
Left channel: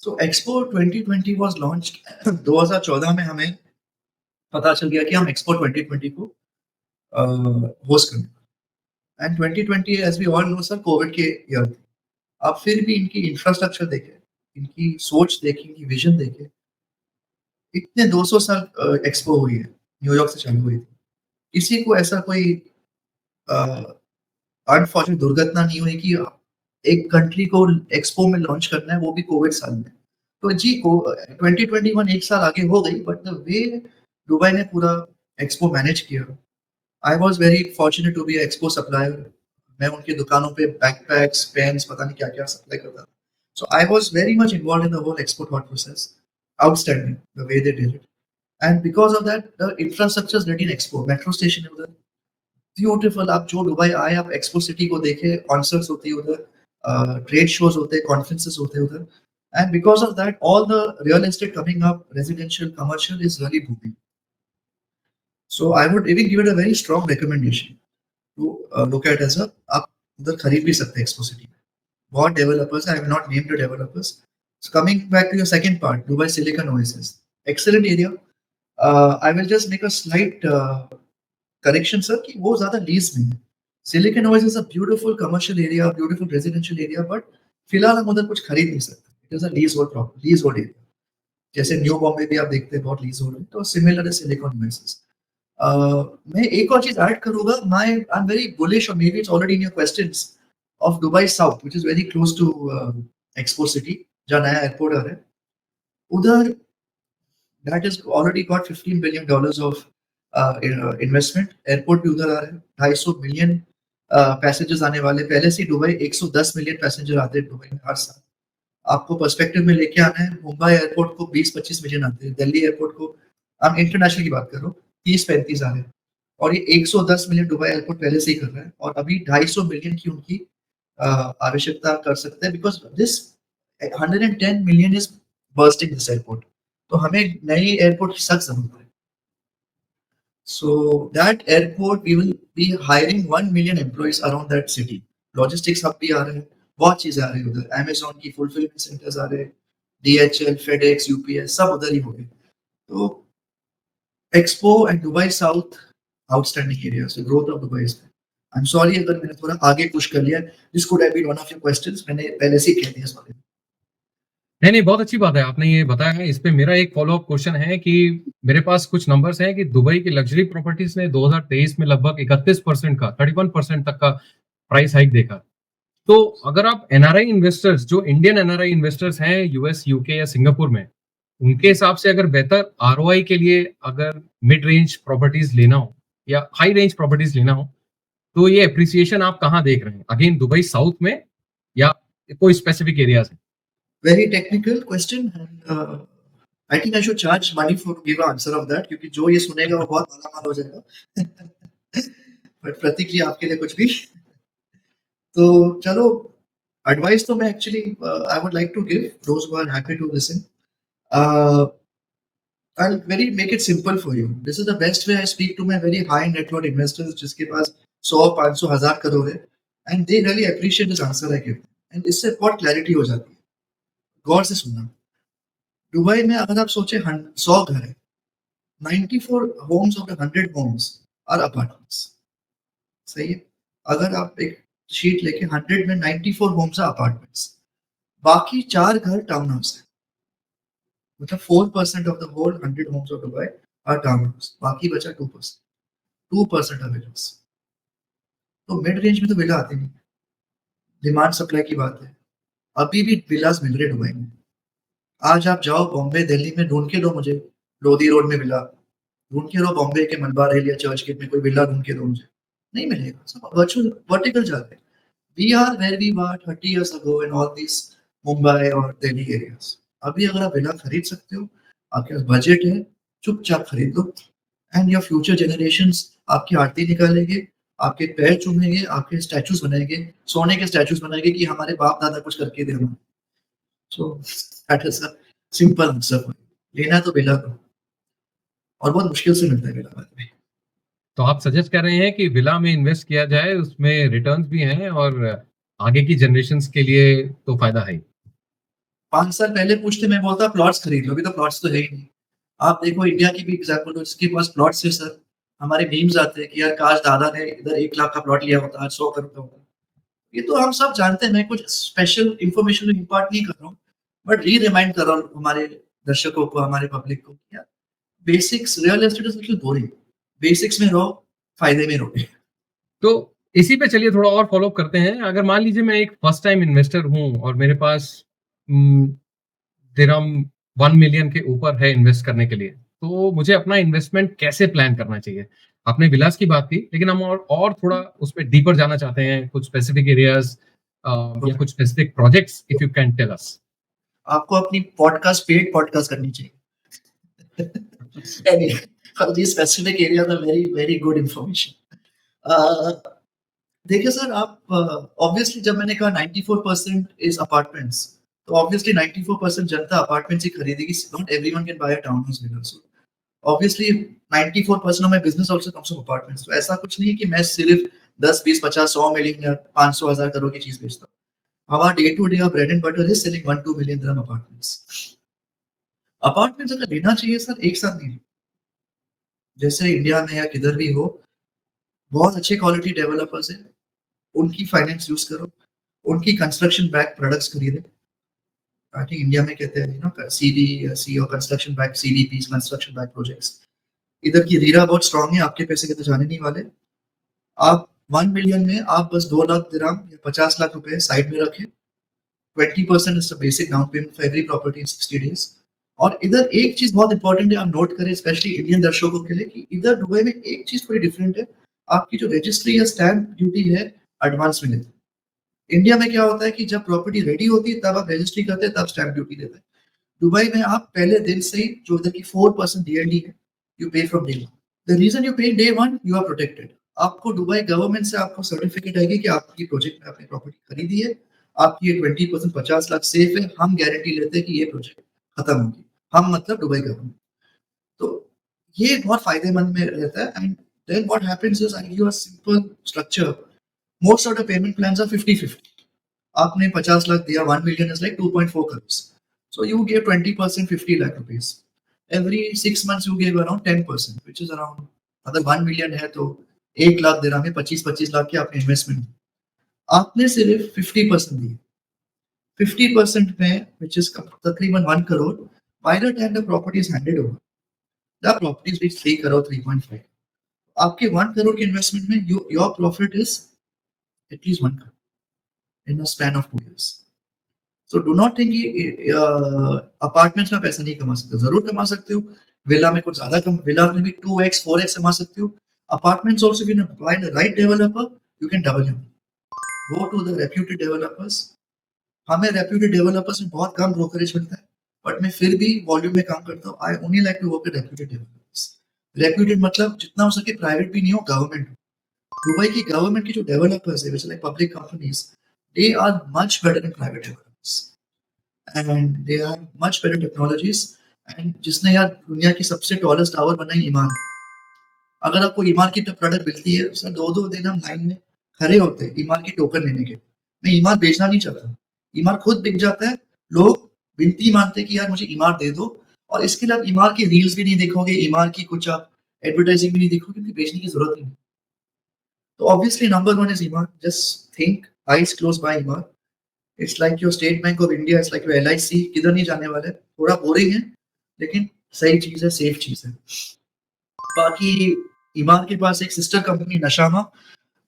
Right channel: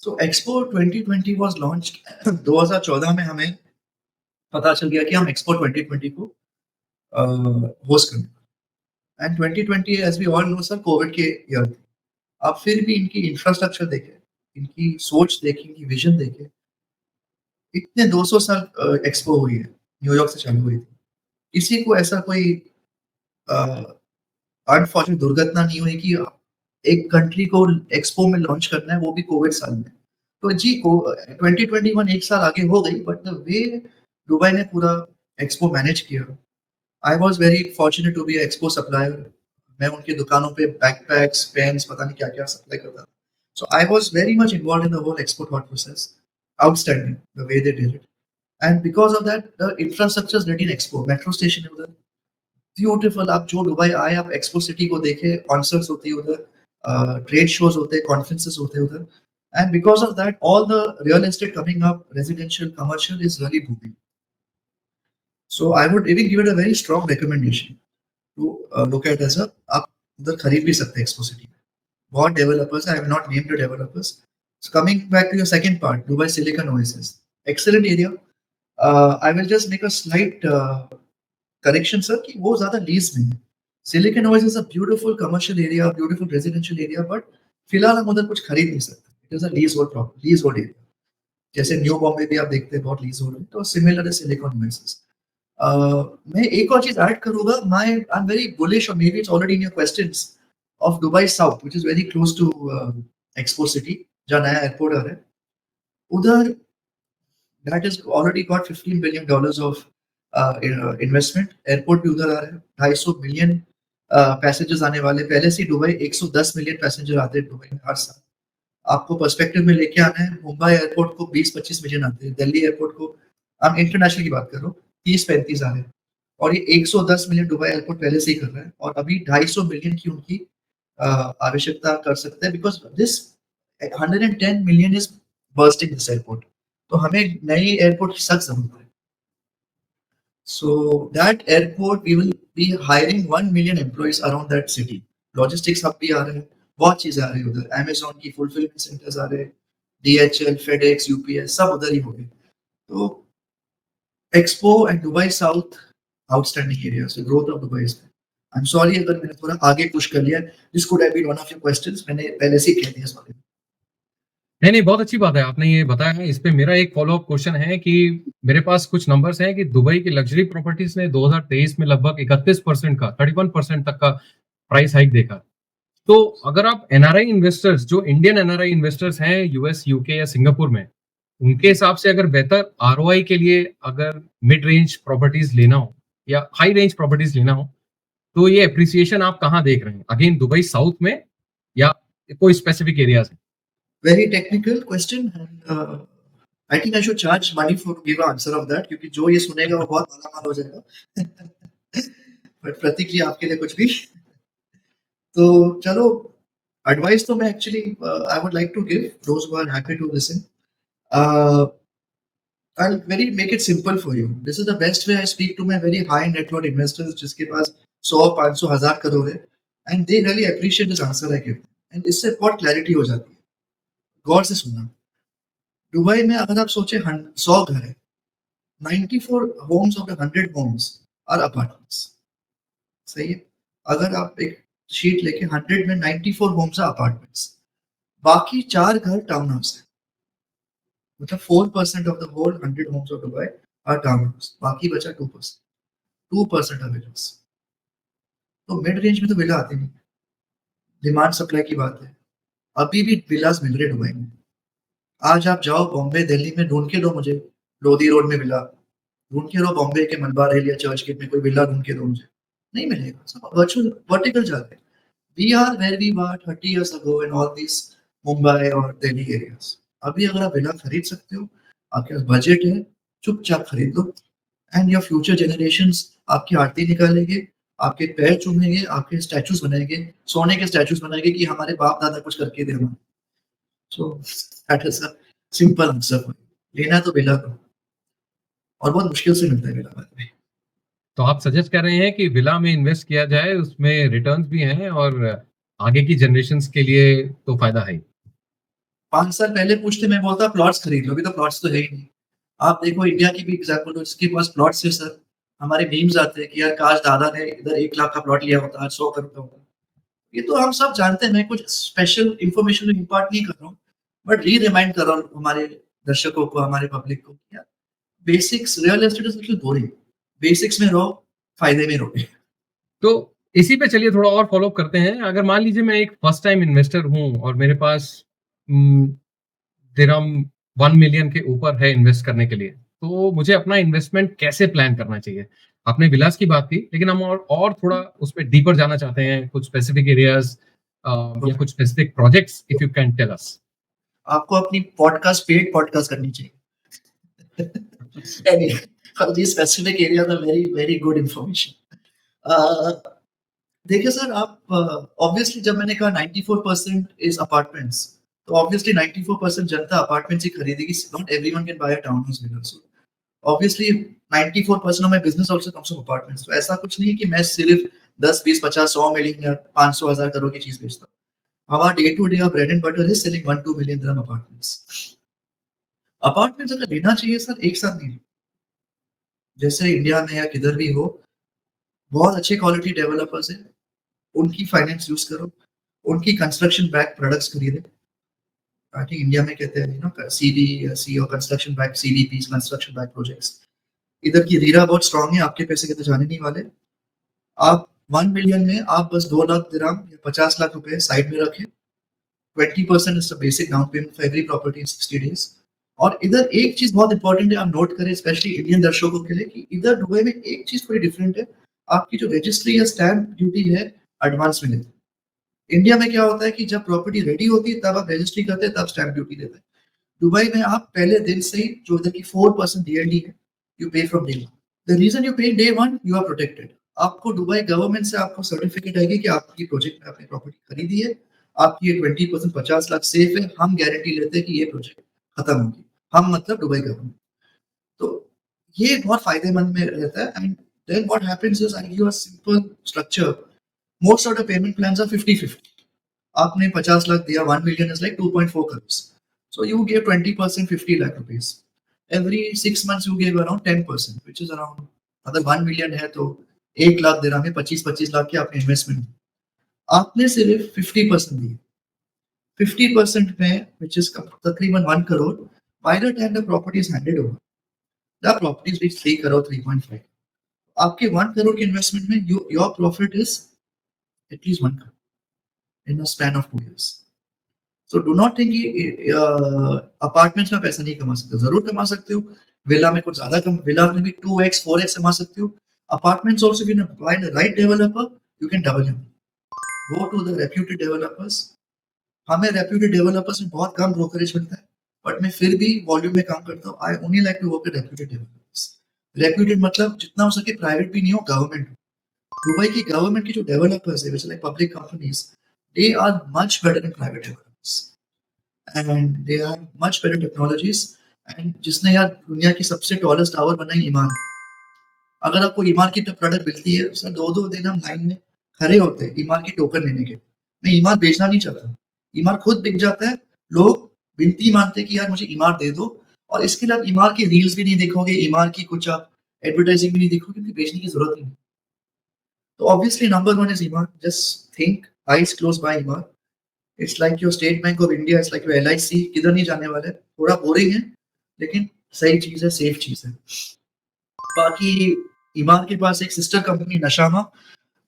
So Expo 2020 was launched 2014 में हमें पता चल गया कि हम एक्सपो 2020 को होस्ट करेंगे and 2020 as we all know sir covid के ईयर थे। अब फिर भी इनकी इंफ्रास्ट्रक्चर देखें, इनकी सोच देखें, इनकी विज़न देखें, इतने 200 साल एक्सपो हुई है, न्यूयॉर्क से चालू हुई थी। किसी को ऐसा कोई अ, अनफॉर्चुनेट दुर्घटना नहीं हुई कि एक कंट्री को एक्सपो में लॉन्च करना है, वो भी कोविड साल में। तो जी को 2021 एक साल आगे हो गई बट द वे दुबई ने पूरा एक्सपो मैनेज किया, I was very fortunate to be expo supplier. मैं उनकी दुकानों पे बैकपैक्स, पेन्स पता नहीं क्या-क्या सप्लाई करता था। So I was very much involved in the whole expo thought process. Outstanding the way they did it and because of that the infrastructure is ready in expo. Metro station है उधर, beautiful. आप जो Dubai आए, आप expo city को देखें, concerts होती है उधर, ट्रेड शोज़ होते हैं, कॉन्फ्रेंसेस होते हैं उधर and because of that all the real estate coming up, residential, commercial is really booming. So I would even give it a very strong recommendation to look at as a आप उधर खरीद भी सकते हैं expo city में। बहुत developers हैं, I will not name the developers. So coming back to your second part, Dubai Silicon Oasis, excellent area. I will just make a slight correction sir कि वो ज़्यादा लीज़ में है। Silicon Oasis is a beautiful commercial area, beautiful residential area but फिलहाल हम उधर कुछ खरीद नहीं सकते। It is a lease hold property, lease hold area. जैसे न्यू बॉम्बे भी आप देखते हैं बहुत लीज़ होल्ड है, तो सिमिलर है सिलिकॉन ओएसिस। मैं एक और चीज़ ऐड करूँगा, आई एम वेरी बुलिश और maybe it's already in your questions of Dubai South which is very close to Expo City, जहाँ नया एयरपोर्ट आ रहा है। उधर that is already got $15 billion of investment. Airport भी उधर आ रहा है। 250 मिलियन पैसेंजर्स आने वाले। पहले से ही दुबई 110 मिलियन पैसेंजर आते हैं दुबई में हर साल। आपको पर्सपेक्टिव में लेके आना है, मुंबई एयरपोर्ट को 20-25 मिलियन आते हैं, दिल्ली एयरपोर्ट को, हम इंटरनेशनल की बात कर रहा हूँ, 30-35 आ रहे हैं और ये 110 मिलियन दुबई एयरपोर्ट पहले से ही कर रहा है और अभी 250 मिलियन की उनकी आवश्यकता कर सकते हैं because this 110 million is bursting this airport. तो हमें नई एयरपोर्ट की सख्त ज़रूरत है। So that airport, we will be hiring 1 million employees around that city. Logistics hub भी आ रहे हैं, बहुत चीज़ें आ रही है उधर। Amazon की fulfillment centers आ रहे हैं, DHL, FedEx, UPS सब उधर ही होंगे। तो Expo and Dubai South outstanding areas. So growth of Dubai is there. I'm sorry अगर मैंने थोड़ा आगे पुश कर लिया। This could have been one of your questions. मैंने पहले से ही कह दिया सॉरी। नहीं, नहीं, बहुत अच्छी बात है, आपने ये बताया है। इस पे मेरा एक फ़ॉलो-अप क्वेश्चन है कि मेरे पास कुछ नंबर्स हैं कि दुबई की लग्ज़री प्रॉपर्टीज़ ने 2023 में लगभग 31% का 31% तक का प्राइस हाइक देखा। तो अगर आप एनआरआई इन्वेस्टर्स जो इंडियन एनआरआई इन्वेस्टर्स हैं यूएस, यूके या सिंगापुर में, उनके हिसाब से अगर बेहतर आरओआई के लिए अगर मिड रेंज प्रॉपर्टीज़ लेना हो या हाई रेंज प्रॉपर्टीज़ लेना हो, तो ये एप्रिसिएशन आप कहाँ देख रहे हैं? अगेन दुबई साउथ में या कोई स्पेसिफिक एरियाज़ में? Very technical question and I think I should charge money for to give an answer of that क्योंकि जो ये सुनेगा वो बहुत मालामाल हो जाएगा। बट प्रतीक जी आपके लिए कुछ भी। तो चलो एडवाइस तो मैं actually I would like to give those who are happy to listen. I'll very make it simple for you. This is the best way I speak to my very high net worth investors जिसके पास 100, 500, 1000 करोड़ है and they really appreciate this answer I give and इससे बहुत clarity हो जाती है। गौर से सुनना। Dubai में अगर आप सोचे 100 घर है, 94 homes of the 100 homes are apartments. सही है? अगर आप एक शीट लेके 100 में 94 homes are apartments. बाकी 4 घर टाउन हाउस है। मतलब 4% of the whole 100 homes of Dubai are town house. बाकी बचा 2%. 2% are villas. तो मिड रेंज में तो विला आते नहीं। डिमांड सप्लाई की बात है। अभी भी विलास मिल रहे दुबई में। आज आप जाओ बॉम्बे, दिल्ली में ढूँढ के दो मुझे, लोधी रोड में विला। ढूँढ के दो बॉम्बे के मलबार हिल या चर्च गेट में कोई विला ढूँढ के दो मुझे। नहीं मिलेगा। सब वर्चुअल वर्टिकल जाते हैं। We are where we were 30 years ago in all these Mumbai और दिल्ली एरियाज। अभी अगर आप विला खरीद सकते हो, आपके पास बजट है, चुपचाप खरीद लो एंड योर फ्यूचर जनरेशंस आपकी आरती निकालेंगे, आपके पैर चूमेंगे, आपके स्टैचूज बनाएंगे, सोने के स्टैचूज बनाएंगे कि हमारे बाप दादा कुछ करके दे रहे। So that is a simple answer. लेना तो विला को और बहुत मुश्किल से मिलता है विला बाद में। तो आप सजेस्ट कर रहे हैं कि विला में इन्वेस्ट किया जाए, उसमें रिटर्न्स भी हैं और आगे की जनरेशंस के लिए तो फ़ायदा है ही। 5 साल पहले पूछते मैं बोलता प्लॉट्स खरीद लो, अभी तो प्लॉट्स तो है ही नहीं। आप देखो इंडिया की भी एग्जांपल लो, जिसके पास प्लॉट्स है सर, हमारे मीम्स आते हैं कि यार काश दादा ने इधर 1 लाख का प्लॉट लिया होता, आज 100 करोड़ का होता। ये तो हम सब जानते हैं, मैं कुछ स्पेशल इन्फॉर्मेशन इम्पार्ट नहीं कर रहा हूँ, बट री-रिमाइंड कर रहा हूँ हमारे दर्शकों को, हमारे पब्लिक को, यार basics, real estate is little boring. Basics में रहो, फायदे में रहो। तो इसी पे चलिए थोड़ा और फ़ॉलो अप करते हैं। अगर मान लीजिए मैं एक फर्स्ट टाइम इन्वेस्टर हूँ और मेरे पास उम, दिरहम 1 मिलियन के ऊपर है इन्वेस्ट करने के लिए, तो मुझे अपना इन्वेस्टमेंट कैसे प्लान करना चाहिए? आपने विलास की बात की, लेकिन हम और थोड़ा उसमें डीपर जाना चाहते हैं, कुछ स्पेसिफिक एरियाज़ या कुछ specific projects if you can tell us. आपको अपनी पॉडकास्ट, पेड पॉडकास्ट करनी चाहिए। Anyway, for these specific areas are very, very good information. Uh, देखिए सर, आप ऑब्वियसली जब मैंने कहा 94% इज़ अपार्टमेंट्स, तो ऑब्वियसली 94% जनता अपार्टमेंट्स ही खरीदेगी। Not everyone can buy a town house villa. So obviously 94% of my business also comes from apartments. तो ऐसा कुछ नहीं है कि मैं सिर्फ 10, 20, 50, 100 मिलियन या 500, 1000 करोड़ की चीज़ बेचता हूँ। हमारा डे टू डे का bread and butter is selling 1-2 million dirham apartments. Apartments अगर लेना चाहिए सर, एक साथ नहीं। जैसे इंडिया में या किधर भी हो, बहुत अच्छे क्वालिटी डेवलपर्स हैं, उनकी फाइनेंस यूज़ करो, उनकी कंस्ट्रक्शन बैक प्रोडक्ट्स खरीदें। आई थिंक इंडिया में कहते हैं सीबीसी और construction back, CDPs, construction back projects. इधर की रीरा बहुत स्ट्रॉन्ग है, आपके पैसे कहीं जाने नहीं वाले। आप 1 मिलियन में आप बस 2 लाख दिरहम या 50 लाख रुपए साइड में रखें। 20% is the basic down payment for every property in 60 days. और इधर एक चीज़ बहुत इंपॉर्टेंट है, आप नोट करें स्पेशली इंडियन दर्शकों के लिए, कि इधर दुबई में एक चीज़ थोड़ी डिफरेंट है। आपकी जो रजिस्ट्री या स्टैम्प ड्यूटी है, एडवांस में लेते हैं। इंडिया में क्या होता है कि जब प्रॉपर्टी रेडी होती है तब आप रजिस्ट्री करते हैं, तब स्टैम्प ड्यूटी देते हैं। दुबई में आप पहले दिन से ही, जो इधर की 4% डीएलडी है, you pay from day one. The reason you pay day one, you are protected. आपको दुबई गवर्नमेंट से आपको सर्टिफिकेट आएगी कि आपकी प्रोजेक्ट में आपने प्रॉपर्टी खरीदी है, आपकी ये 20% 50 लाख सेफ है, हम गारंटी लेते हैं कि ये प्रोजेक्ट खत्म होगी। हम मतलब दुबई गवर्नमेंट। तो ये बहुत फायदेमंद में रहता है। And then what happens is, I give you a simple structure. Most of the payment plans are 50-50। आपने 50 लाख दिया, 1 million is like 2.4 crores. So you give 20%, 50 lakh rupees. Every 6 months you give around 10%, which is around, अगर 1 million है तो 1 लाख दे रहा है, 25-25 लाख की आपने investment. आपने सिर्फ 50% दिए। 50% में, which is तकरीबन 1 crore, by the time the property is handed over, the property is reach 3 crore, 3.5। आपके 1 करोड़ के इन्वेस्टमेंट में your profit is at least 1 crore in a span of 2 years। So do not think कि apartments में पैसा नहीं कमा सकते हो। ज़रूर कमा सकते हो। विला में कुछ ज़्यादा कम, विला में भी 2x 4x कमा सकते हो। Apartments also, if you find the right developer, you can double him. Go to the reputed developers. हमें रेप्यूटेड डेवलपर्स में बहुत कम ब्रोकरेज मिलता है, बट मैं फिर भी वॉल्यूम में काम करता हूँ। I only like to work with reputed developers. Reputed मतलब जितना हो सके प्राइवेट भी नहीं हो, गवर्नमेंट हो। दुबई की गवर्नमेंट की जो डेवलपर्स है, जैसे like public companies, they are much better than private developers. And they are much better technologies. And जिसने यार दुनिया की सबसे टॉलेस्ट टावर बनाई, ईमान। अगर आपको ईमान की प्रोडक्ट मिलती है, सर 2-2 दिन हम लाइन में खड़े होते हैं ईमान की टोकन लेने के। मैं ईमान बेचना नहीं चाहता, ईमान खुद बिक जाता है। लोग विनती मानते हैं कि यार मुझे ईमान दे दो, और इसके लिए आप ईमान की रील्स भी नहीं देखोगे, ईमान की कुछ आप एडवर्टाइजिंग भी नहीं देखोगे, क्योंकि बेचने की जरूरत नहीं है। तो obviously number one is Emaar. Just think, eyes close buy Emaar. It's like your State Bank of India, it's like your LIC. किधर नहीं जाने वाला है। थोड़ा बोरिंग है, लेकिन सही चीज है, सेफ चीज है। बाकी ईमान के पास एक सिस्टर कंपनी नशामा।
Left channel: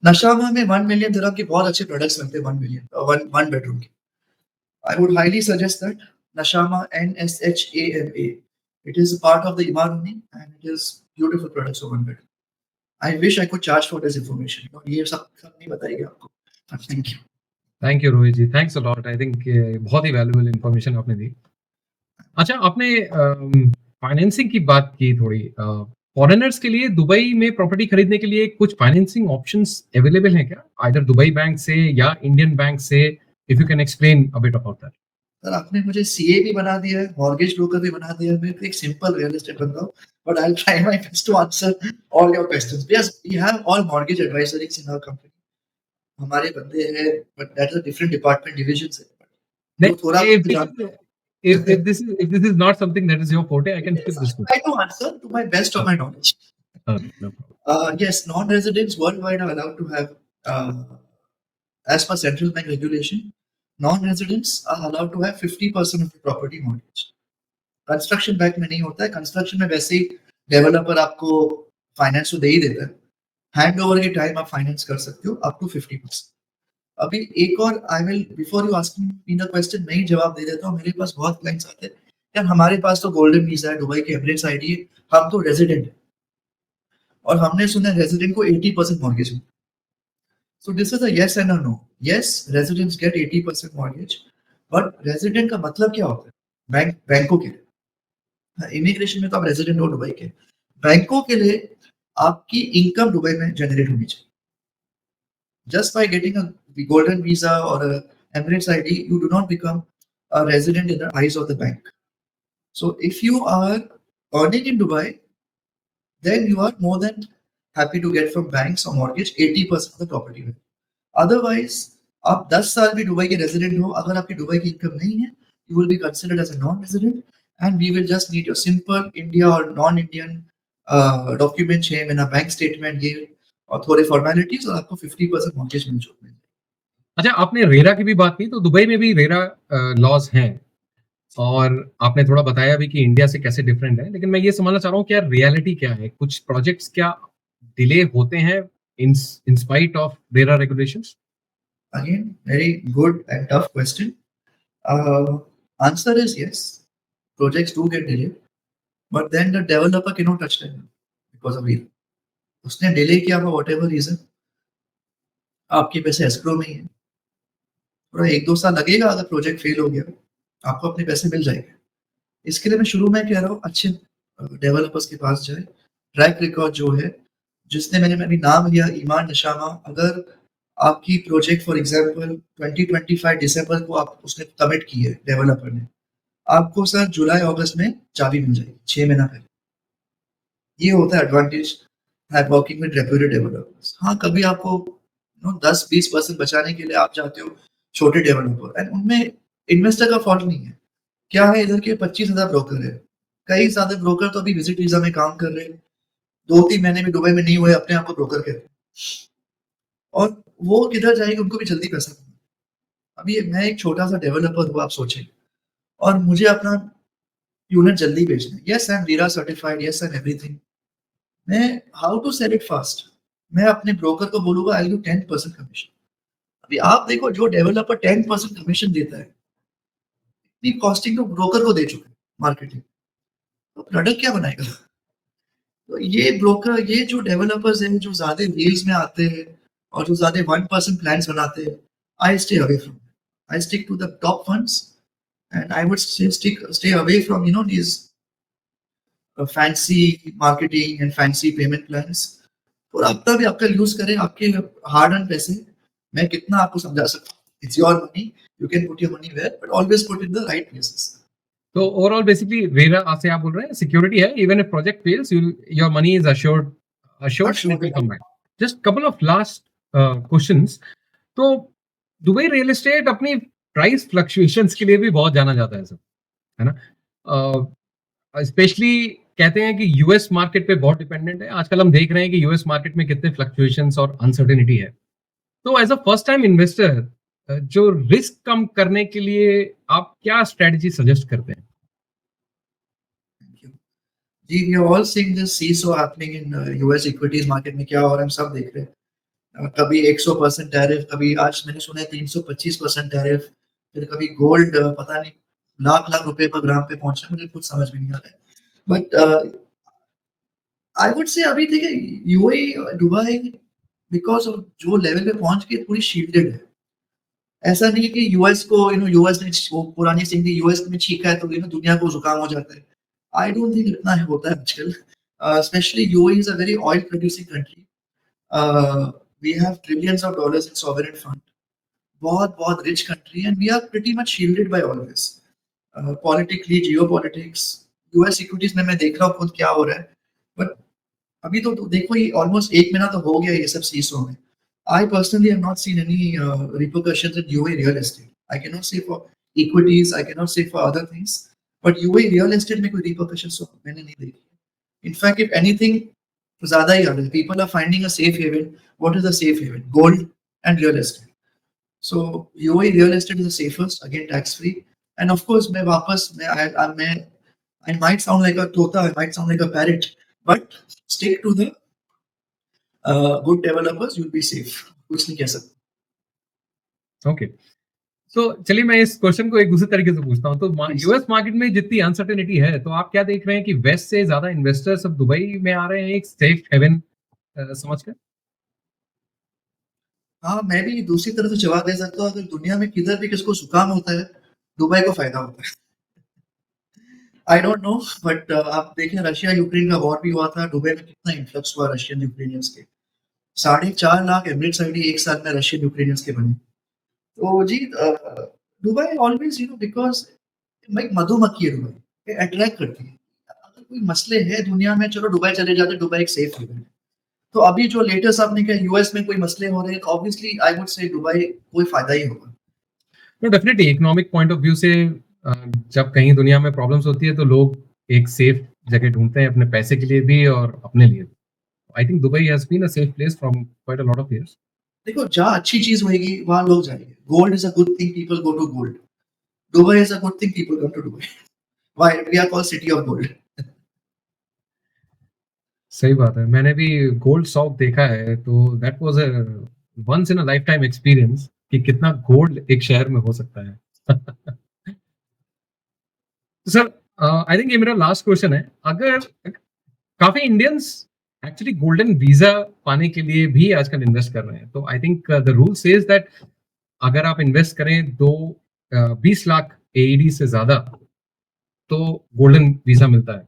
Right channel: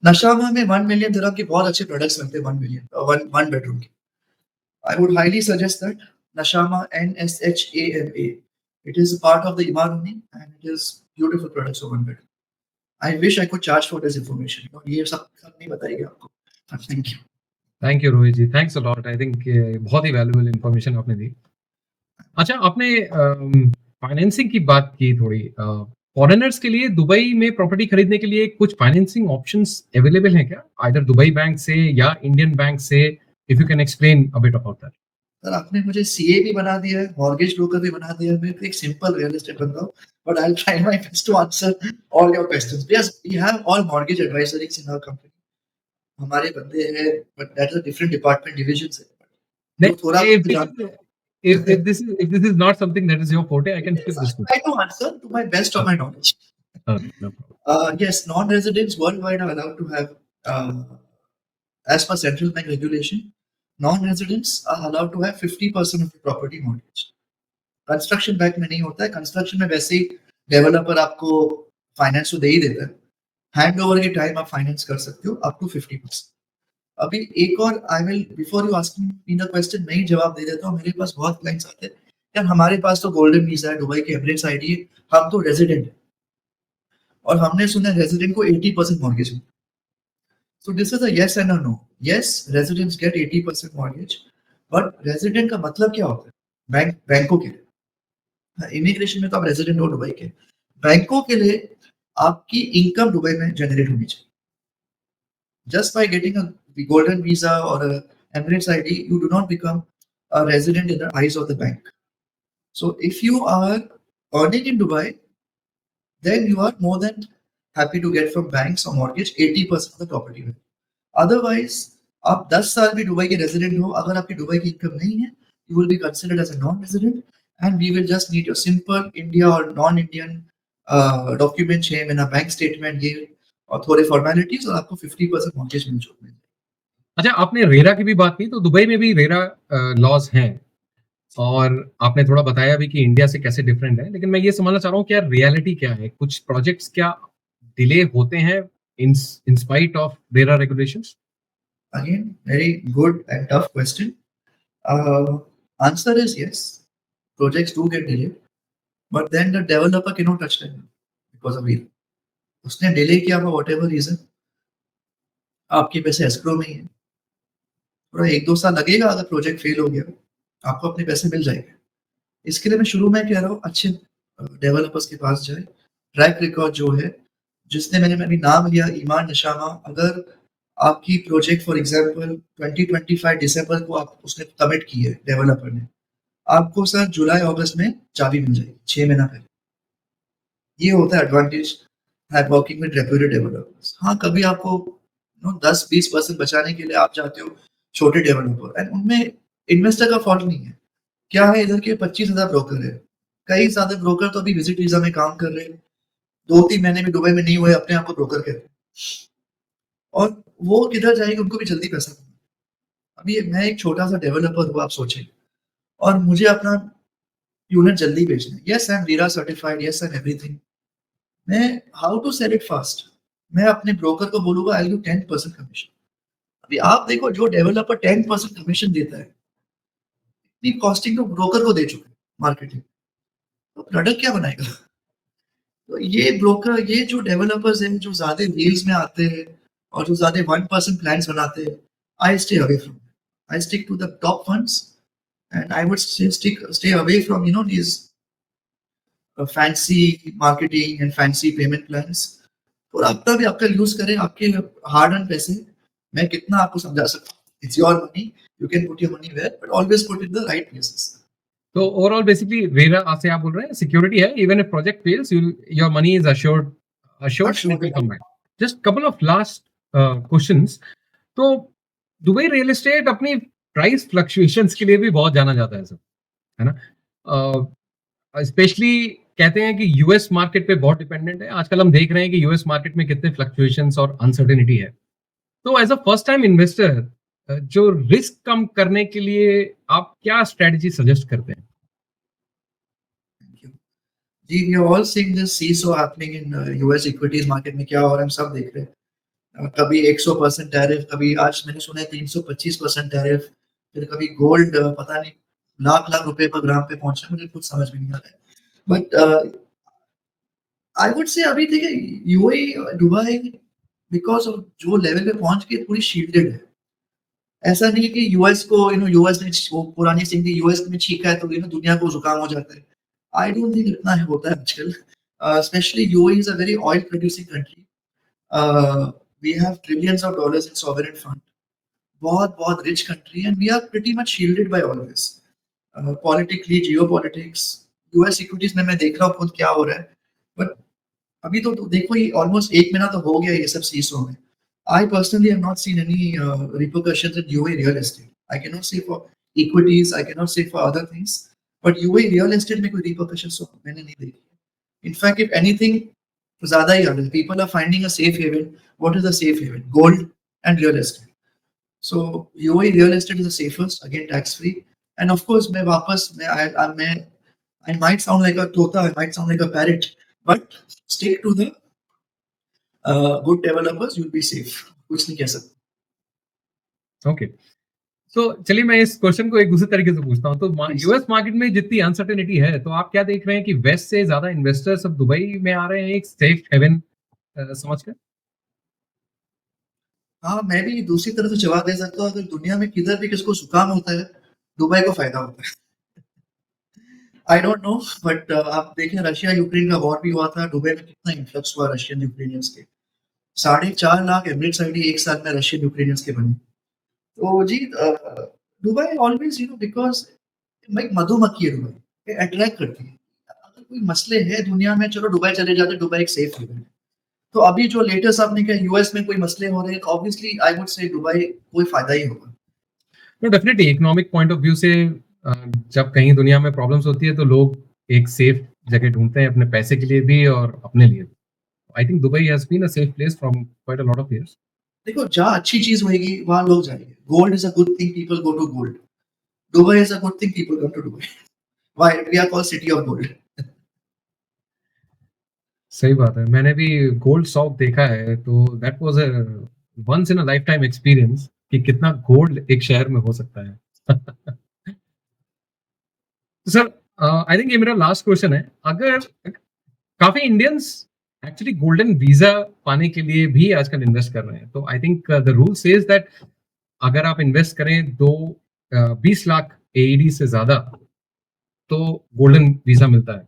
नशामा में 1 मिलियन दिरहम के बहुत अच्छे प्रोडक्ट्स बनते हैं। 1 मिलियन, वन बेडरूम के। I would highly suggest that Nashama, NSHAMA। It is part of the Emaar only, and it is beautiful products for one bedroom. I wish I could charge for this information, और ये सब सब नहीं बताएगी आपको। Thanks. Thank you Rohit ji, thanks a lot. I think बहुत ही valuable information आपने दी। अच्छा, आपने फाइनेंसिंग की बात की थोड़ी। फॉरेनर्स के लिए दुबई में प्रॉपर्टी खरीदने के लिए कुछ फाइनेंसिंग ऑप्शंस अवेलेबल है क्या, आइदर दुबई बैंक से या इंडियन बैंक से? If you can explain a bit about that. Sir आपने मुझे सीए भी बना दिया है, मॉर्गेज ब्रोकर भी बना दिया है। मैं तो एक सिंपल रियल एस्टेट बंदा हूँ, but I will try my best to answer all your questions. Yes, we have all mortgage advisories in our company. हमारे बंदे हैं, but that is a different department, division है। जो थोड़ा नहीं, बहुत जानते हो। if this is not something that is your forte, I can skip this question. Try to answer to my best of my knowledge. Okay, no problem. Yes, non-residents worldwide are allowed to have, as per central bank regulation, non-residents are allowed to have 50% of the property mortgage. Construction bank में नहीं होता है, construction में वैसे ही developer आपको finance तो दे ही देता है, हैंड ओवर के टाइम आप फाइनेंस कर सकते हो अप टू 50%। अभी एक और I will before you asking me the question मैं ही जवाब दे देता हूँ। मेरे पास बहुत क्लाइंट्स आते हैं, यार हमारे पास तो गोल्डन वीजा है, दुबई के एमिरेट्स आईडी है, हम तो रेजिडेंट है और हमने सुना रेजिडेंट को 80% मॉर्गेज है। So this is a yes and a no. Yes, residents get 80% mortgage, but resident का मतलब क्या होता है? बैंकों के लिए, इमिग्रेशन में तो आप रेजिडेंट हो दुबई के, बैंकों के लिए आपकी इनकम दुबई में जनरेट होनी चाहिए। Just by getting a golden visa or a Emirates ID, you do not become a resident in the eyes of the bank. So if you are earning in Dubai, then you are more than happy to get from banks a mortgage 80% of the property value. Otherwise, आप 10 साल भी Dubai के resident हो, अगर आपकी Dubai की income नहीं है, you will be considered as a non-resident, and we will just need your simple India or non-Indian document chain and a bank statement here और थोड़े formalities और आपको 50% mortgage मिल चुका है। अच्छा, आपने रेरा की भी बात की, तो दुबई में भी रेरा लॉज हैं और आपने थोड़ा बताया भी कि इंडिया से कैसे डिफरेंट है, लेकिन मैं ये समझना चाह रहा हूँ कि यार रियलिटी क्या है? कुछ प्रोजेक्ट्स क्या डिले होते हैं in spite of RERA regulations? Again, very good and tough question. Answer is yes. Projects do get delayed, but then the developer cannot touch them because of it. उसने delay किया for whatever reason, आपके पैसे escrow में ही है। थोड़ा 1-2 साल लगेगा, अगर प्रोजेक्ट फेल हो गया, आपको अपने पैसे मिल जाएंगे। इसके लिए मैं शुरू में कह रहा हूँ अच्छे डेवलपर्स के पास जाए। ट्रैक रिकॉर्ड जो है, जिसने मैंने अभी नाम लिया ईमान नशामा, अगर आपकी प्रोजेक्ट फॉर एग्जांपल 2025 दिसंबर को आप उसने कमिट की है डेवलपर ने, आपको सर जुलाई अगस्त में चाबी मिल जाएगी 6 महीना पहले। ये होता है एडवांटेज है वर्किंग विद रेप्यूटेड डेवलपर्स। हाँ, कभी आपको 10-20% बचाने के लिए आप जाते हो छोटे डेवलपर, एंड उनमें इन्वेस्टर का फॉल्ट नहीं है। क्या है, इधर के 25,000 ब्रोकर है, कई सारे ब्रोकर तो अभी विजिट वीजा में काम कर रहे हैं, 2-3 महीने में दुबई में नहीं हुए, अपने आप को ब्रोकर कहते हैं, और वो किधर जाएंगे, उनको भी जल्दी पैसा मिलना। अभी मैं एक छोटा सा डेवलपर हूँ, आप सोचें, और मुझे अपना यूनिट जल्दी बेचना है। Yes, I am RERA certified, yes I am everything. मैं how to sell it fast, मैं अपने ब्रोकर को बोलूंगा आई विल गिव 10% कमीशन। अभी आप देखो, जो डेवलपर 10% कमीशन देता है, इतनी कॉस्टिंग तो ब्रोकर को दे चुके हैं मार्केटिंग, तो प्रोडक्ट क्या बनाएगा? तो ये ब्रोकर, ये जो डेवलपर्स हैं जो ज्यादा डील्स में आते हैं और जो ज्यादा 1% प्लान्स बनाते हैं, I stay away from, I stick to the top funds, and I would stay away from these fancy marketing and fancy payment plans। और अपना भी आपका यूज करें, आपके हार्ड अर्न पैसे। मैं कितना आपको समझा सकता हूँ, it's your money, you can put your money where, but always put in the right places. तो ओवरऑल बेसिकली रेरा से आप बोल रहे हैं सिक्योरिटी है, even if project fails your money is assured and it will come back. Just couple of last questions. तो Dubai real estate अपनी price fluctuations के लिए भी बहुत जाना जाता है सर, है ना? स्पेशली कहते हैं कि यूएस मार्केट पे बहुत डिपेंडेंट है। आजकल हम देख रहे हैं कि यूएस मार्केट में कितने फ्लक्चुएशंस और अनसर्टेनिटी है। तो as a first time investor, जो रिस्क कम करने के लिए आप क्या स्ट्रेटजी सजेस्ट करते हैं? जी, we are all seeing this seesaw happening in US equities market में। क्या हो रहा है हम सब देख रहे हैं। कभी 100% टैरिफ, कभी आज मैंने सुना है 325% टैरिफ, फिर कभी गोल्ड पता नहीं लाख रुपए पर ग्राम पे पहुंचा, मुझे कुछ समझ में नहीं आ रहा है। बट आई वुड से अभी देखिए यूएई दुबई बिकॉज ऑफ जो लेवल पे पहुंच के पूरी शील्डेड है। ऐसा नहीं है कि यूएस को यूएस ने वो पुरानी सिंह थी, यूएस में छींका है तो दुनिया को जुकाम हो जाता है। आई डोंट थिंक इतना होता है आजकल। Specially UAE is a very oil producing country. We have trillions of dollars in sovereign fund, बहुत rich country, and we are pretty much shielded by all this politically, geopolitics. US equities में मैं देख रहा हूँ खुद क्या हो रहा है, बट अभी तो देखो ये ऑलमोस्ट 1 महीना तो हो गया ये सब सीसो में। I personally have not seen any repercussions in UAE real estate. I cannot say for equities, I cannot say for other things, but UAE real estate में कोई repercussions तो मैंने नहीं देखी। In fact, if anything, ज़्यादा ही ज्यादा people are finding a safe haven. What is a safe haven? Gold and real estate. So UAE real estate is the safest, again tax free, and of course I might sound like a tota, I might sound like a parent, but stick to the good developers, you'll be safe. कुछ नहीं ऐसा। Okay, तो चलिए मैं इस question को एक दूसरे तरीके से पूछता हूँ। तो Please. यूएस मार्केट में जितनी अनसर्टेनिटी है, तो आप क्या देख रहे हैं कि वेस्ट से ज्यादा इन्वेस्टर्स अब दुबई में आ रहे हैं एक सेफ हेवन समझकर? हाँ, मैं भी दूसरी तरफ से जवाब दे सकता हूँ, अगर दुनिया में किधर भी किसको जुकाम होता है, दुबई को फायदा होता है। आई डोंट नो, बट आप देखिए रशिया यूक्रेन का वॉर भी हुआ था, दुबई में कितना इन्फ्लक्स हुआ रशियन यूक्रेनियंस के। 4.5 लाख एमिरेट्स आईडी एक साल में रशियन यूक्रेनियंस के बने। तो जी दुबई ऑलवेज बिकॉज लाइक मधुमक्खी है, दुबई अट्रैक्ट करती है। अगर कोई मसले है दुनिया में, चलो दुबई चले जाते, दुबई एक सेफ हेवन है। तो अभी जो लेटेस्ट आपने कहा यूएस में कोई मसले हो रहे हैं, तो ऑब्वियसली आई वुड से दुबई कोई फायदा ही होगा। तो definitely economic point of view से जब कहीं दुनिया में प्रॉब्लम्स होती है तो लोग एक सेफ जगह ढूंढते हैं अपने पैसे के लिए भी और अपने लिए। I think Dubai has been a safe place from quite a lot of years. देखो जहाँ अच्छी चीज होगी वहां लोग जाएंगे। Gold is a good thing, people go to gold. Dubai is a good thing, people come to Dubai. Why we are called city of gold. सही बात है, मैंने भी गोल्ड शॉप देखा है, तो that was a once in a life time experience कि कितना गोल्ड एक शहर में हो सकता है। तो सर आई थिंक ये मेरा लास्ट क्वेश्चन है। अगर काफी इंडियंस एक्चुअली गोल्डन वीजा पाने के लिए भी आजकल इन्वेस्ट कर रहे हैं, तो I think the rule says that अगर आप इन्वेस्ट करें 20 लाख एईडी से ज्यादा तो गोल्डन वीजा मिलता है।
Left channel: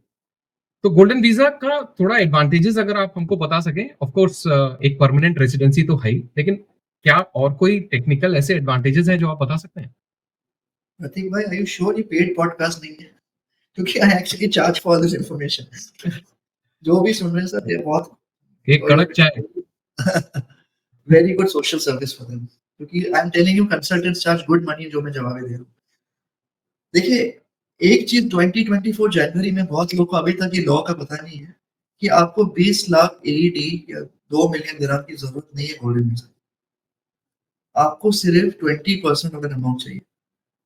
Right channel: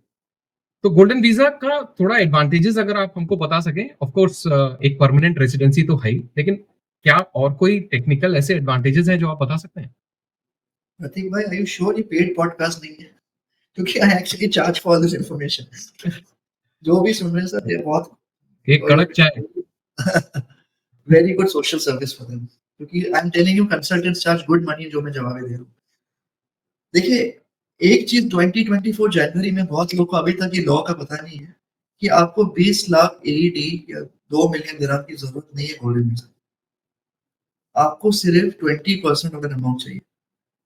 तो गोल्डन वीजा का थोड़ा एडवांटेजेस अगर आप हमको बता सकें। ऑफ कोर्स एक परमानेंट रेसिडेंसी तो है ही, लेकिन क्या और कोई टेक्निकल ऐसे एडवांटेजेस हैं जो आप बता सकते हैं? प्रतीक भाई, आर यू श्योर ये पेड पॉडकास्ट नहीं है? क्योंकि I actually charge for this information. जो भी सुन रहे हैं सर, ये बहुत एक कड़क चाय। Very good social service for them, क्योंकि I am telling you consultants charge good money, जो मैं जवाब दे रहा हूँ। देखिए, एक चीज 2024 जनवरी में बहुत लोगों को अभी तक ये लॉ का पता नहीं है कि आपको 20 लाख एईडी या 2 मिलियन दिरहम की जरूरत नहीं है गोल्डन वीजा। आपको सिर्फ 20% ऑफ एन अमाउंट चाहिए,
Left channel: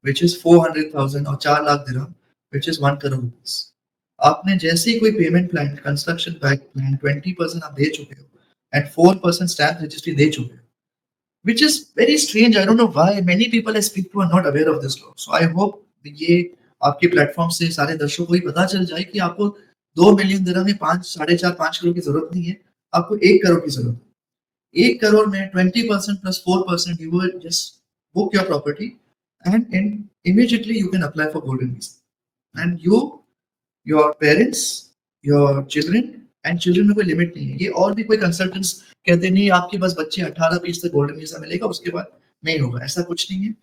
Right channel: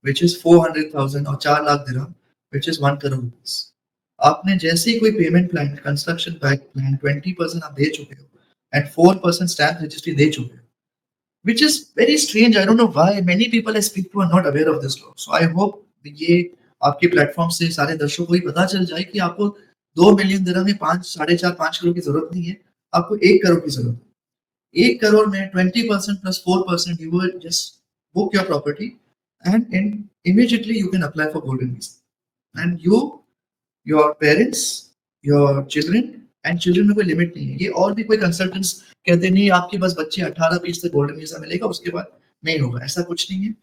which is 400,000 और 4 लाख दिरहम, which is 1 करोड़ रुपीस। आपने जैसे ही कोई payment plan, construction back plan 20% आप दे चुके हैं एंड 4% स्टैम्प रजिस्ट्री दे चुके हैं, which is very strange। I don't know why many people I speak to are not aware of this law. So I hope ये आपके प्लेटफॉर्म से सारे दर्शकों को ही पता चल जाए कि आपको 2 मिलियन दिरहम में 4.5 करोड़ की जरूरत नहीं है, आपको 1 करोड़ की जरूरत है। 1 करोड़ में 20% plus 4%, you will just book your property and immediately you can apply for golden visa. And you, your parents, your children, and children में कोई लिमिट नहीं है। ये और भी कोई कंसल्टेंट्स कहते नहीं आपके बस बच्चे 18-20 से गोल्डन वीजा मिलेगा, उसके बाद नहीं होगा, ऐसा कुछ नहीं है।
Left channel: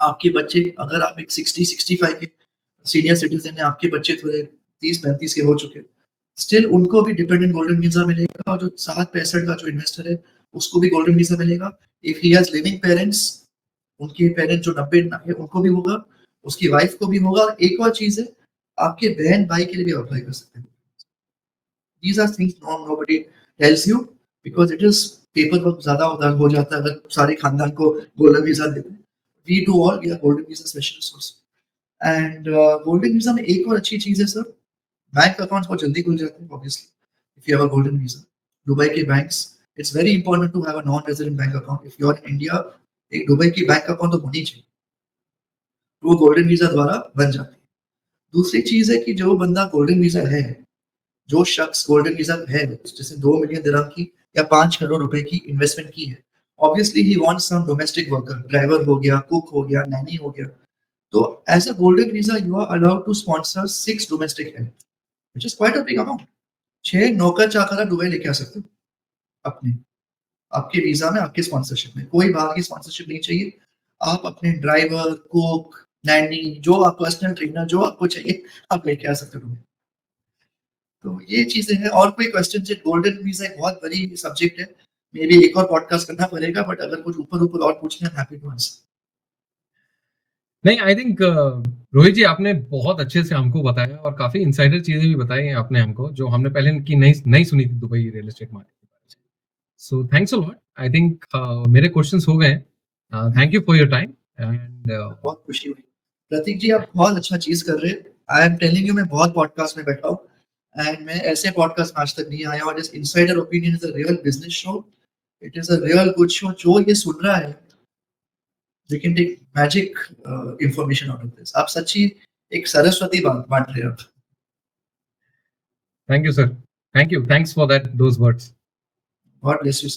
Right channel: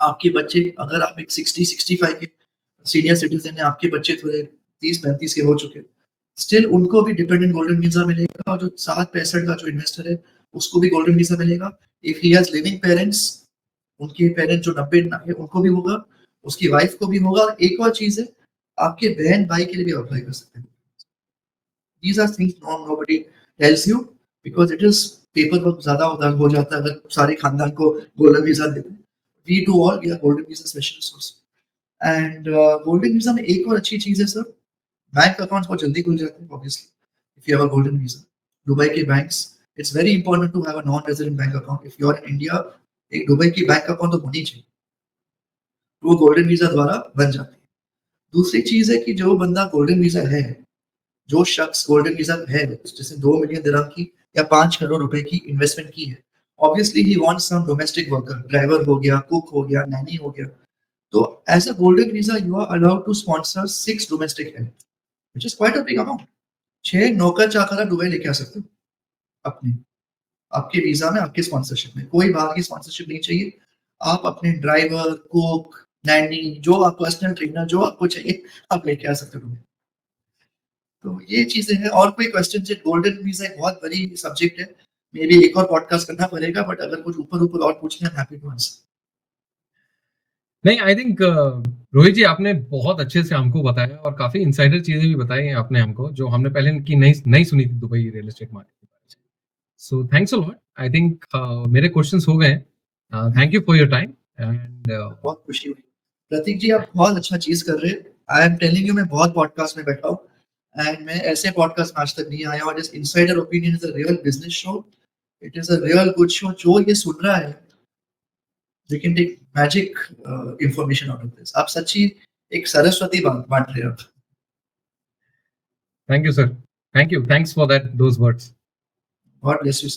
आपके बच्चे, अगर आप एक 60-65 के सीनियर सिटीजन है, आपके बच्चे थोड़े 30-35 के हो चुके, स्टिल उनको भी डिपेंडेंट गोल्डन वीजा मिलेगा। और जो 7-65 का जो इन्वेस्टर है उसको भी गोल्डन वीजा मिलेगा। If he has living parents, उनके पेरेंट्स जो 90 है उनको भी होगा, उसकी वाइफ को भी होगा। और एक और चीज है, आपके बहन भाई के लिए भी अप्लाई कर सकते हैं। These are things nobody tells you because it is paper work ज्यादा हो जाता है अगर सारे खानदान को गोल्डन वीजा देते हैं। We do all, we are golden visa specialists and golden visa में एक और अच्छी चीज है सर, बैंक अकाउंट्स बहुत जल्दी खुल जाते हैं। Obviously if you have a golden visa, Dubai के banks, it's very important to have a non-resident bank account. If you are in India, एक दुबई की बैंक अकाउंट तो होनी चाहिए, वो गोल्डन वीजा द्वारा बन जाती है। दूसरी चीज है कि जो बंदा गोल्डन वीजा है, जो शख्स गोल्डन वीजा है, जैसे 2 मिलियन दिरहम की या 5 करोड़ रुपए की इन्वेस्टमेंट की है, obviously he wants some domestic worker, driver हो गया, कुक हो गया, नैनी हो गया। तो as a golden visa you are allowed to sponsor 6 domestic help, which is quite a big amount. 6 नौकर चाकर आप दुबई लेके आ सकते हो अपने, आपके वीजा में, आपके स्पॉन्सरशिप में। कोई बाहर की स्पॉन्सरशिप नहीं चाहिए। आप अपने ड्राइवर, कुक, नैनी, जो आप पर्सनल ट्रेनर, जो आपको चाहिए आप लेके आ सकते हो। तो ये चीजें हैं। और कोई क्वेश्चन है? गोल्डन वीजा एक बहुत बड़ी सब्जेक्ट है, मे बी एक और पॉडकास्ट करना पड़ेगा, बट अगर कुछ ऊपर ऊपर और पूछना है, हैप्पी टू आंसर। नहीं, आई थिंक रोहित जी आपने बहुत अच्छे से हमको बताया और काफी इनसाइडर चीजें भी बताई हैं आपने हमको, जो हमने पहले की नहीं नहीं सुनी थी दुबई रियल एस्टेट मार्केट के बारे में। So thanks a lot. I think मेरे क्वेश्चंस हो गए हैं। Thank you for your time and बहुत खुशी हुई। प्रतीक जी आप बहुत अच्छा चीज कर रहे हैं। आई एम टेलिंग यू, मैं बहुत पॉडकास्ट में बैठा हूँ एंड मैं ऐसे पॉडकास्ट आज तक नहीं आया, और this insider opinion is a real business show, it is a real good show. जो ये सुन रहा है they can take magic information out of this. आप सच्ची एक सरस्वती बांट रहे हो। Thank you sir, thank you, thanks for that those words. God bless you.